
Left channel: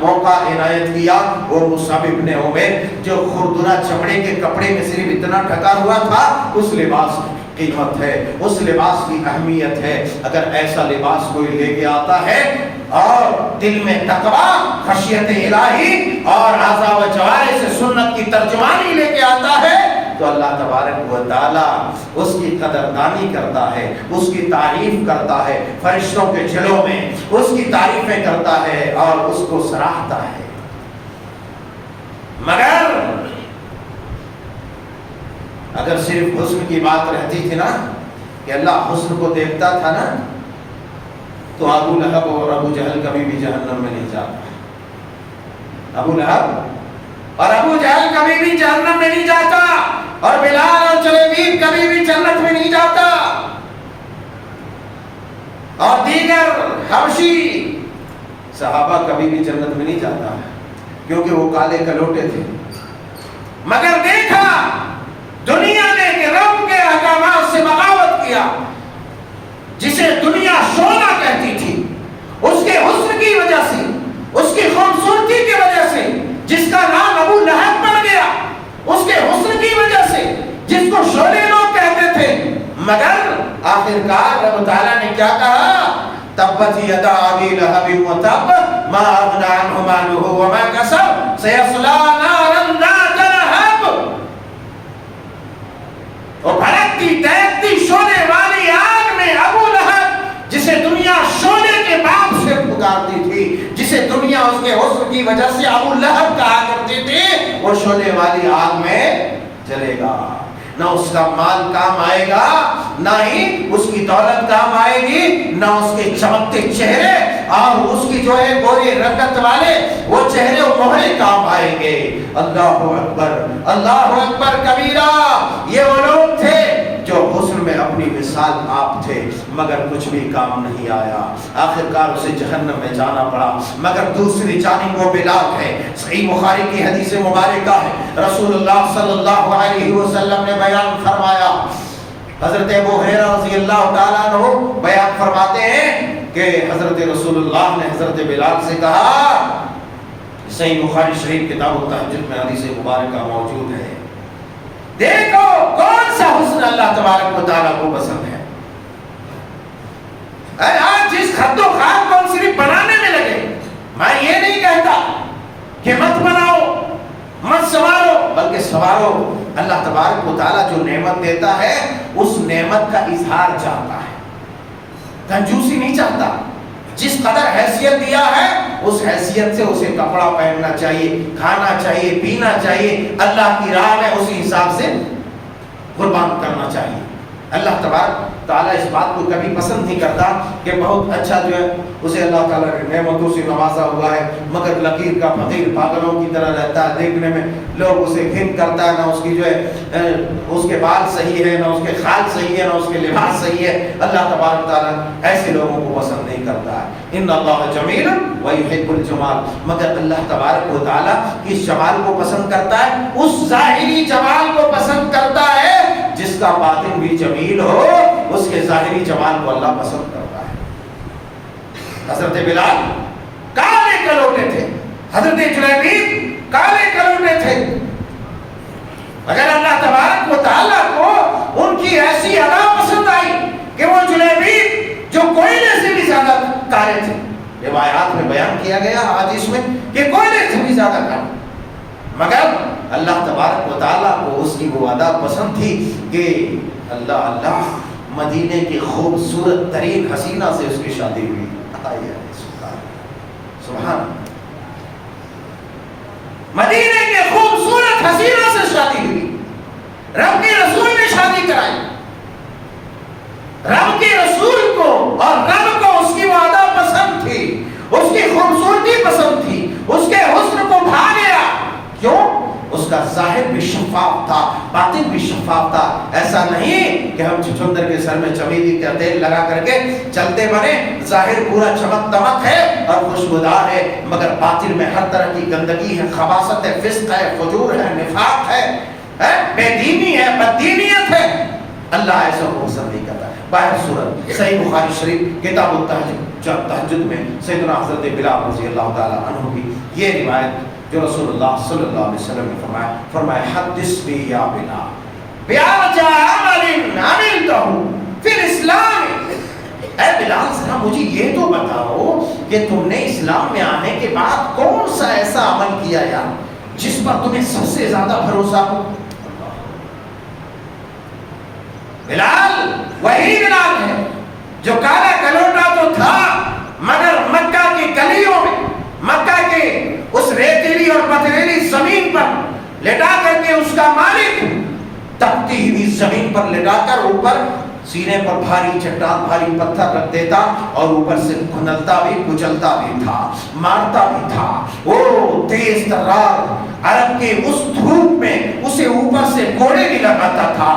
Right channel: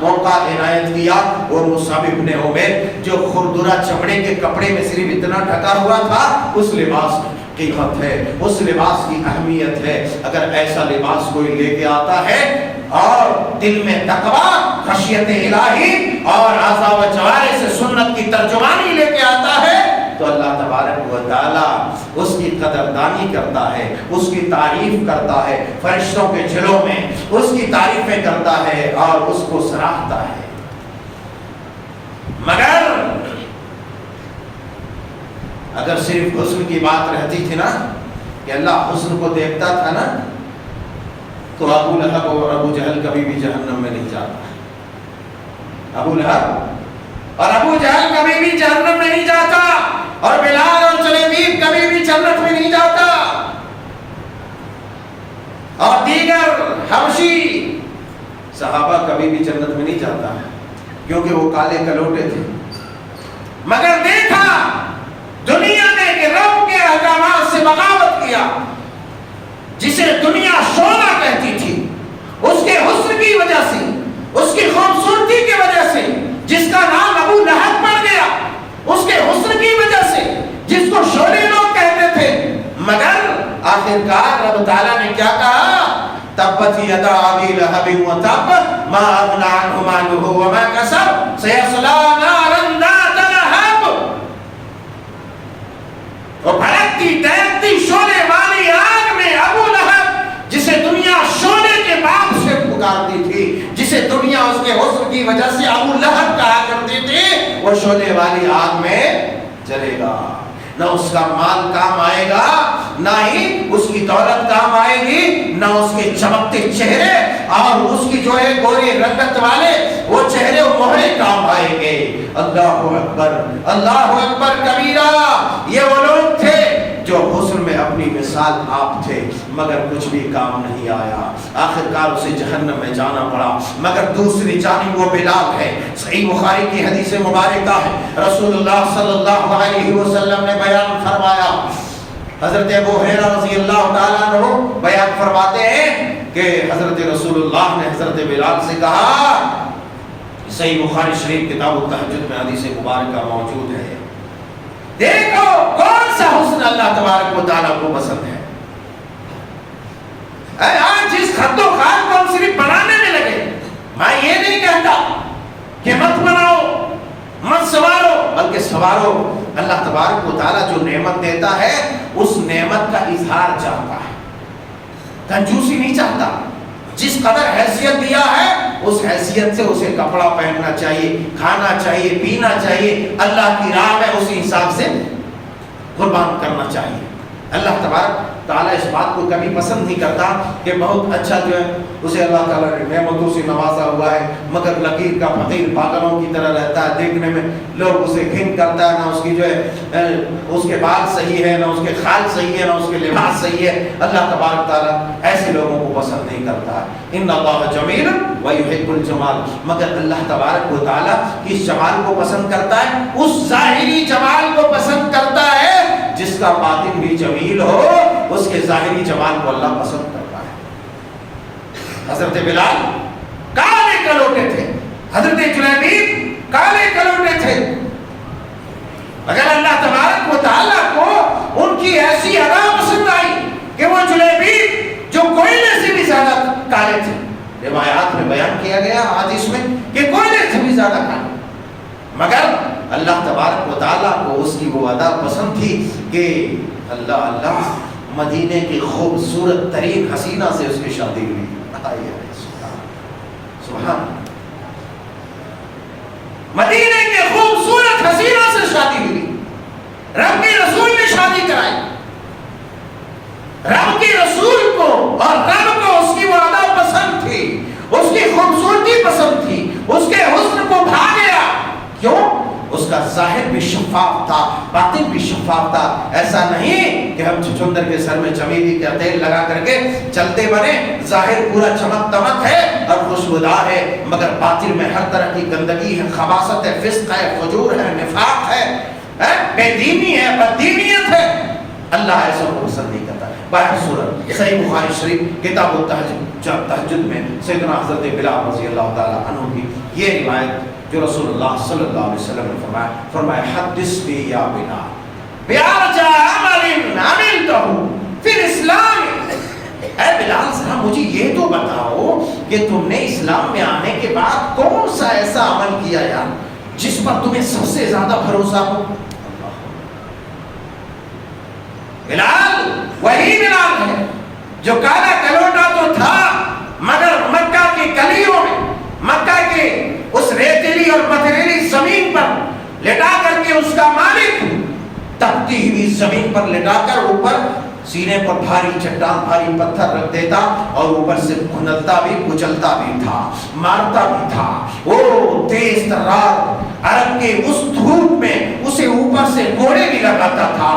موقع عنایت کیا۔ اور مصعب ابن عمیر جو خردرہ چمڑے کے کپڑے میں صرف اتنا ڈھکا ہوا تھا، اس لباس کی قیمت ہے، اس لباس کی اہمیت ہے۔ اگر ایسا لباس کوئی لے کے آتا ہے اور دل میں تقویٰ، خشیت الہی اور اعضاء و جوارح سے سنت کی ترجمانی لے کے آتا ہے، تو اللہ تبارک و تعالیٰ اس کی قدردانی کرتا ہے، اس کی تعریف کرتا ہے، فرشتوں کے جلوں میں اس کی تعریفیں کرتا ہے اور اس کو سراہتا ہے۔ مگر اگر صرف حسن کی بات رہتی تھی نا کہ اللہ حسن کو دیکھتا تھا نا، تو ابو لہب اور ابو جہل کبھی بھی جہنم میں نہیں جاتا۔ ابو لہب اور ابو جہل کبھی بھی جہنم میں نہیں جاتا، اور بلال اور جلیبیب کبھی بھی جنت میں نہیں جاتا، اور دیگر حبشی صحابہ کبھی بھی جنت میں نہیں جاتا، کیونکہ وہ کالے کلوٹے تھے۔ مگر دیکھا دنیا نے کہ رب کے احکامات سے بغاوت کیا، جسے دنیا شعلہ کہتی تھی، اس کے حسن کی وجہ آخر کار رب تعالیٰ نے کیا کہا؟ تبت یدا ابی لہب وتب ما اغنی عنہ مالہ وما کسب سیصلی نارا ذات لہب. وہ بھڑکتی دہکتی شعلے والی آگ میں ابو لہب، جسے دنیا شعلے کے باپ سے پکارتی تھی، جسے دنیا اس کے حسن کی وجہ سے ابو لہب کہا کرتی تھی، وہ شعلے والی آگ میں چلے گا. نہ اس کا مال کام آئے گا، نہ ہی اس کی دولت کام آئے گی، نہ اس کے چمکتے چہرے اور اس کی جو ہے گوری رنگت والے وہ چہرے و مہرے کام آئیں گے. اللہ اکبر، اللہ اکبر کبیرہ. یہ وہ لوگ تھے جو حسن میں اپنی مثال آپ تھے، مگر کچھ بھی کام نہیں آیا. آخرکار اسے جہنم میں جانا پڑا. مگر دوسری جانب وہ بلال ہے. صحیح بخاری کی حدیث مبارکہ ہے، رسول اللہ صلی اللہ علیہ وسلم نے بیان فرمایا، حضرت ابو ہریرہ رضی اللہ تعالیٰ عنہ بیان فرماتے ہیں کہ حضرت رسول اللہ نے حضرت بلال سے کہا، صحیح بخاری شریف کتاب التہجد میں حدیث مبارکہ موجود ہے، دیکھو کون سا حسن اللہ تبارک و تعالیٰ کو پسند ہے. آج جس خط و خال کو ہم صرف بنانے میں لگے، میں یہ نہیں کہتا کہ مت بناؤ مت سوارو، بلکہ سوارو. اللہ تبارک و تعالیٰ جو نعمت دیتا ہے اس نعمت کا اظہار چاہتا ہے، کنجوسی نہیں چاہتا. جس قدر حیثیت دیا ہے اس حیثیت سے اسے کپڑا پہننا چاہیے، کھانا چاہیے، پینا چاہیے. اللہ کی راہ میں اسی حساب سے قربان کرنا چاہیے. اللہ تبارک تعالیٰ اس بات کو کبھی پسند نہیں کرتا کہ بہت اچھا جو ہے اسے اللہ تعالیٰ نے نعمتوں سے نوازا ہوا ہے، مگر لکیر کا فقیر پاگلوں کی طرح رہتا ہے. دیکھنے میں لوگ اسے گھن کرتا ہے، نہ اس کی جو ہے اس کے بال صحیح ہے، نہ اس کے خال صحیح ہے، نہ اس کے لباس صحیح ہے. اللہ تبارک تعالیٰ ایسے لوگوں کو پسند نہیں کرتا ہے. ان اللہ جمیل ویحب الجمال. مگر اللہ تبارک و تعالیٰ اس جمال کو پسند کرتا ہے، اس ظاہری جمال کو پسند کرتا ہے. جس کا باطن بھی جمیل ہو اس کے ظاہری جمال کو اللہ پسند کرتا ہے. حضرت بلال کالے کلوٹے تھے، حضرت جلیبیب کالے کلوٹے تھے، مگر اللہ تبارک و تعالیٰ کو ان کی ایسی ادا پسند آئی کہ وہ جلیبیب جو کوئلے سے بھی زیادہ کالے تھے. روایات میں بیان کیا گیا حدیث میں کہ کوئلے سے بھی زیادہ کالے، مگر اللہ تبارک و تعالیٰ کو اس کی وہ ادا پسند تھی کہ اللہ مدینے کی خوبصورت ترین حسینہ سے اس کی شادی ہوئی. سبحان، مدینے کے خوبصورت حسینہ سے شادی ہوئی. رب کے رسول نے شادی کرائی. رب کے رسول کو اور رب کو اس کی وہ ادا پسند تھی، اس کی خوبصورتی پسند تھی، اس کے حسن کو بھا گیا. کیوں؟ اس کا ظاہر بھی شفاف تھا، باطن بھی شفاف تھا. ایسا نہیں کہ ہم چچندر کے سر میں چمیلی کا تیل لگا کر کے چلتے بنے، ظاہر پورا چمک دمک ہے اور خوشبودار ہے، مگر باطن میں ہر طرح کی گندگی ہے، خباثت ہے، فسق ہے، فجور ہے، نفاق ہے، بے دینی ہے، بددینیت ہے. اللہ ایسا کو پسند نہیں کرتا. باہر صورت صحیح بخاری شریف کتاب التہجد میں سیدنا حضرت بلال رضی اللہ تعالی عنہ کی یہ روایت جو رسول اللہ صلی اللہ علیہ وسلم نے فرمایا حدثنی یا بلال بیارجا عمل عملتہ فی الاسلام. اے بلال ذرا مجھے یہ تو بتاؤ کہ تم نے اسلام میں آنے کے بعد کون سا ایسا عمل کیا یار جس پر تمہیں سب سے زیادہ بھروسہ ہو. بلال وہی بلال ہے جو کالا کلوٹا تو تھا، مگر مکہ کی گلیوں میں، مکہ کے اس ریتیلی اور پتھریلی زمین پر لٹا کر کے اس کا مالک تپتی ہوئی زمین پر لٹا کر اوپر سینے پر بھاری چٹان بھاری پتھر رکھ دیتا اور اوپر سے کھنلتا بھی کچلتا بھی تھا، مارتا بھی تھا. وہ تیز ترار عرب کے اس دھوپ میں اسے اوپر سے کوڑے بھی لگاتا تھا،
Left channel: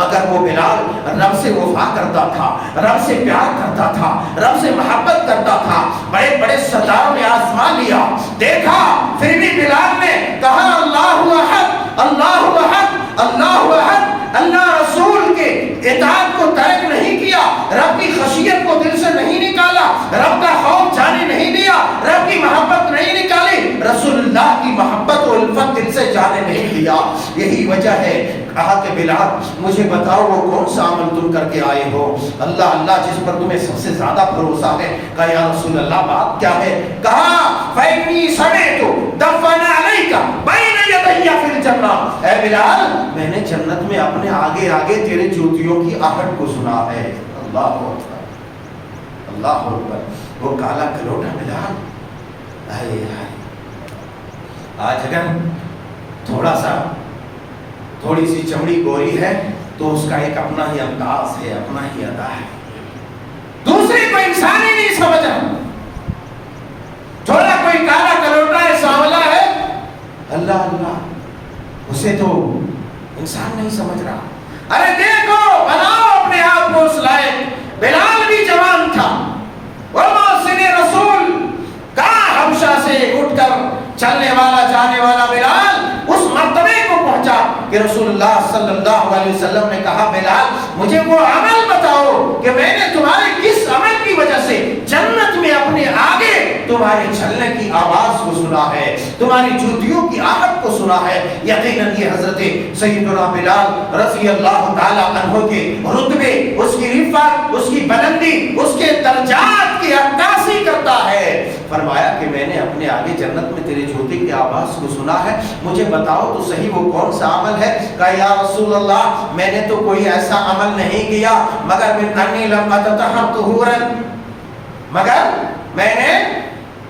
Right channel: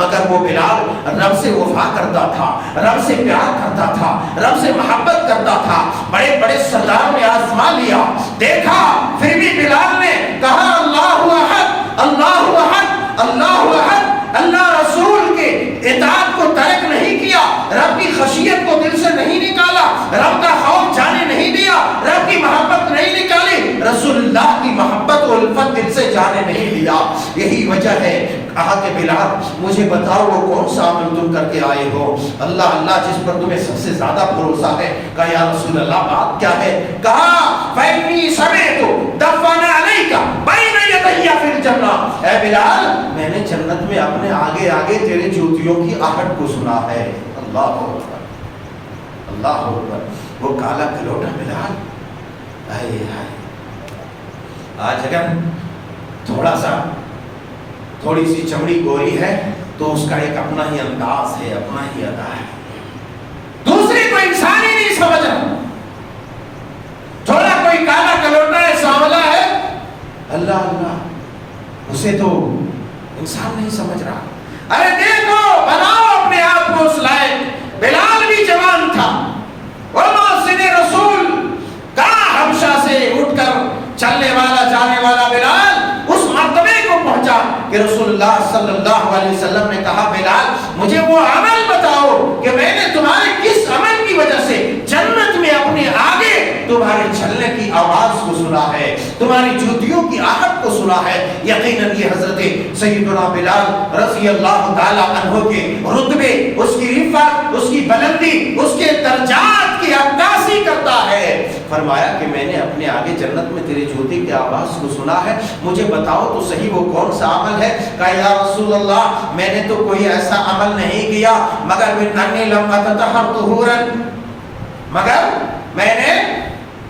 مگر وہ بلال رب سے وفا کرتا تھا، رب سے پیار کرتا تھا، رب سے محبت کرتا تھا. بڑے بڑے سرداروں نے آزما لیا، دیکھا، پھر بھی بلال نے کہا اللہ احد اللہ احد اللہ احد. اللہ رسول کے اطاعت کو ترک نہیں کیا، رب کی خشیت کو دل سے نہیں نکالا، رب کا خوف جانے نہیں دیا، رب کی محبت نہیں نکالی. رسول اللہ کی محبت و الفت دل سے جانے نہیں دیا. یہی وجہ ہے کہا کہ بلال مجھے بتاؤ وہ کون سا عمل تم کر کے آئے ہو. اللہ اللہ جس پر تمہیں سب سے زیادہ بھروسہ ہے. کہا یا رسول اللہ بات کیا ہے؟ کہا فإنی سمعت دفن علیک بین یدی فی الجنہ. اے بلال میں نے جنت میں اپنے آگے آگے تیرے جوتیوں کی آہٹ کو سنا ہے. اللہ اکبر اللہ اکبر. وہ کالا کلوٹا بلال آئے آئے. آج اگر تھوڑی سی چمڑی گوری ہے تو اس کا ایک اپنا ہی انداز ہے, اپنا ہی ادا ہے, دوسری کوئی انسان ہی نہیں سمجھ رہا. تھوڑا کوئی کالا کلوٹا ہے, سانولا ہے, اللہ اللہ اسے تو انسان نہیں سمجھ رہا. ارے دیکھو بناؤ اپنے آپ کو اس لائق. بلال بھی جوان تھا, وہ محسن رسول کہاں حبشہ سے اٹھ کر چلنے والا جانے والا بلال اس مرتبے کو پہنچا کہ رسول اللہ صلی اللہ علیہ وسلم نے کہا بلال مجھے وہ عمل بتاؤ کہ میں نے تمہارے کس عمل کی وجہ سے جنت میں اپنے آگے تمہارے چلنے کی آواز کو سنا ہے, تمہاری جوتیوں کی آہٹ کو سنا ہے. یقیناً یہ حضرت سیدنا بلال رضی اللہ تعالی عنہ کے رتبے, اس کی رفعت, اس کی بلندی, اس کے درجات کی عکاسی کرتا ہے. فرمایا کہ میں نے اپنے آگے جنت میں تیری جوتی کی آواز کو سنا ہے, مجھے بتاؤ تو صحیح وہ کون سا عمل ہے. کہا یا رسول اللہ میں نے تو کوئی ایسا عمل نہیں کیا مگر من انی لم اتطہر طہورا, مگر میں نے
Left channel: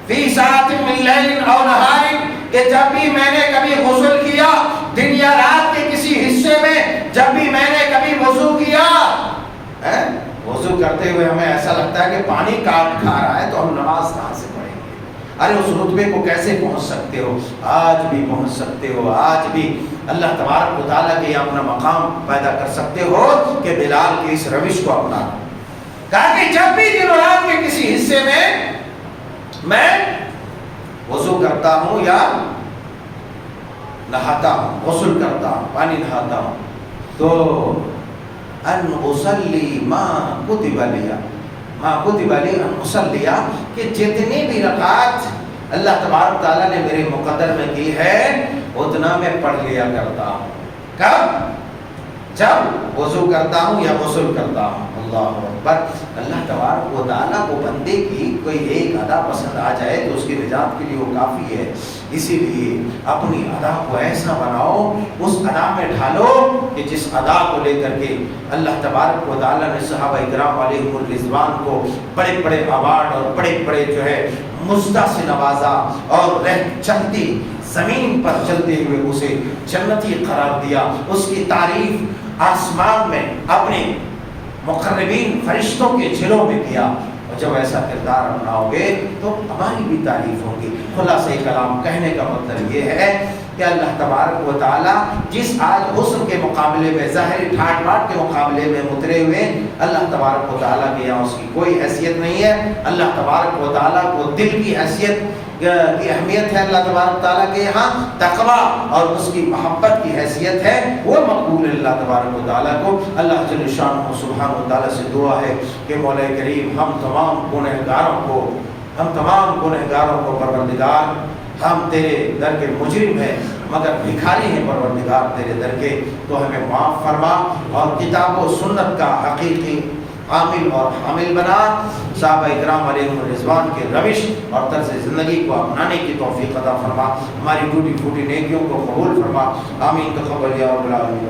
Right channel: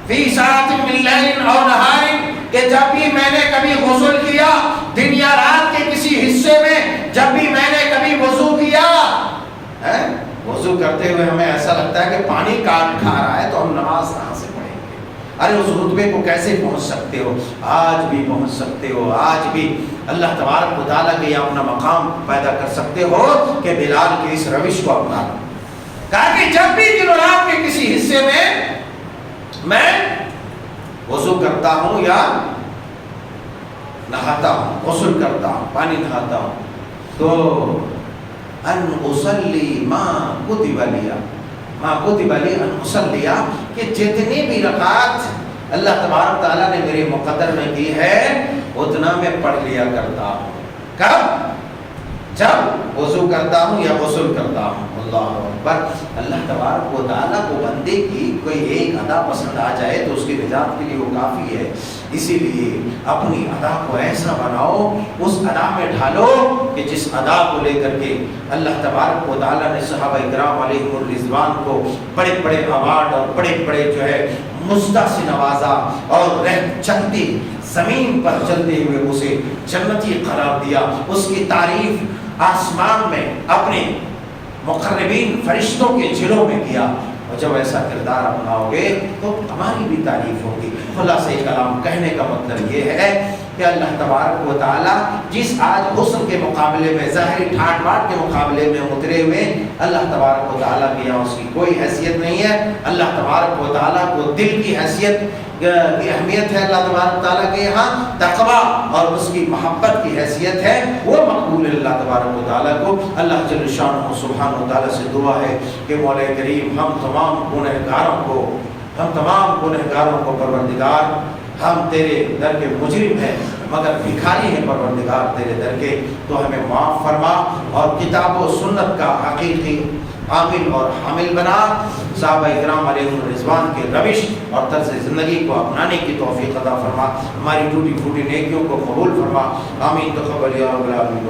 فی ساعت من لیل او نہار کہ جب بھی میں نے کبھی غسل کیا دن یا رات کے کسی حصے میں, جب بھی میں نے کبھی وضو کیا, وضو کرتے ہوئے ہمیں ایسا لگتا ہے کہ پانی کاٹ کھا رہا ہے تو ہم نماز کہاں سے پڑھیں گے. ارے اس رتبے کو کیسے پہنچ سکتے ہو؟ آج بھی پہنچ سکتے ہو, آج بھی اللہ تبارک و تعالیٰ کے اپنا مقام پیدا کر سکتے ہو کہ بلال کی اس روش کو اپنا. کہا کہ جب بھی دن و رات کے کسی حصے میں وضو کرتا ہوں یا نہاتا ہوں, غسل کرتا ہوں, پانی نہاتا ہوں, تو ان اصلی ما کتب لی ان اصلی کہ جتنی بھی رکعت اللہ تبارک تعالیٰ نے میرے مقدر میں کی ہے اتنا میں پڑھ لیا کرتا ہوں. کب؟ جب وضو کرتا ہوں یا غسل کرتا ہوں. اللہ اکبر. اللہ تبارک و تعالیٰ کو بندے کی کوئی ایک ادا پسند آ جائے تو اس کی نجات کے لیے وہ کافی ہے. اسی لیے اپنی ادا کو ایسا بناؤ, اس ادا میں ڈھالو کہ جس ادا کو لے کر کے اللہ تبارک و تعالیٰ نے صحابہ کرام علیہم الرضوان کو بڑے بڑے ایوارڈ اور بڑے بڑے جو ہے مزدہ سے نوازا اور چلتی زمین پر چلتے ہوئے اسے جنتی قرار دیا. اس کی تعریف آسمان میں اپنے مقربین فرشتوں کے جلوں میں کیا. اور جب ایسا کردار اپناؤ گے تو ہماری بھی تعریف ہوگی. خلاصہ کلام کہنے کا مطلب یہ ہے کہ اللہ تبارک و تعالیٰ جس آج حسن کے مقابلے میں, ظاہری ٹھاٹ باٹ کے مقابلے میں اترے ہوئے, اللہ تبارک و تعالیٰ کے یہاں اس کی کوئی حیثیت نہیں ہے. اللہ تبارک و تعالیٰ کو دل کی حیثیت کی اہمیت ہے. اللہ تبارک تعالیٰ کے یہاں تقویٰ اور اس کی محبت کی حیثیت ہے, وہ مقبول ہے اللہ تبارک و تعالیٰ کو. اللہ جل شانہ سبحانہ و تعالیٰ سے دعا ہے کہ مولا کریم ہم تمام گنہگاروں کو پروردگار, ہم تیرے در کے مجرم ہیں مگر بھکاری ہیں پروردگار تیرے در کے, تو ہمیں معاف فرما اور کتاب و سنت کا حقیقی عامل اور حامل بنا. صحابہ کرام علیہم الرضوان کے روش اور طرز زندگی کو اپنانے کی توفیق عطا فرما. ہماری ٹوٹی پھوٹی نیکیوں کو قبول فرما. آمین. تقبل یا رب العالمین.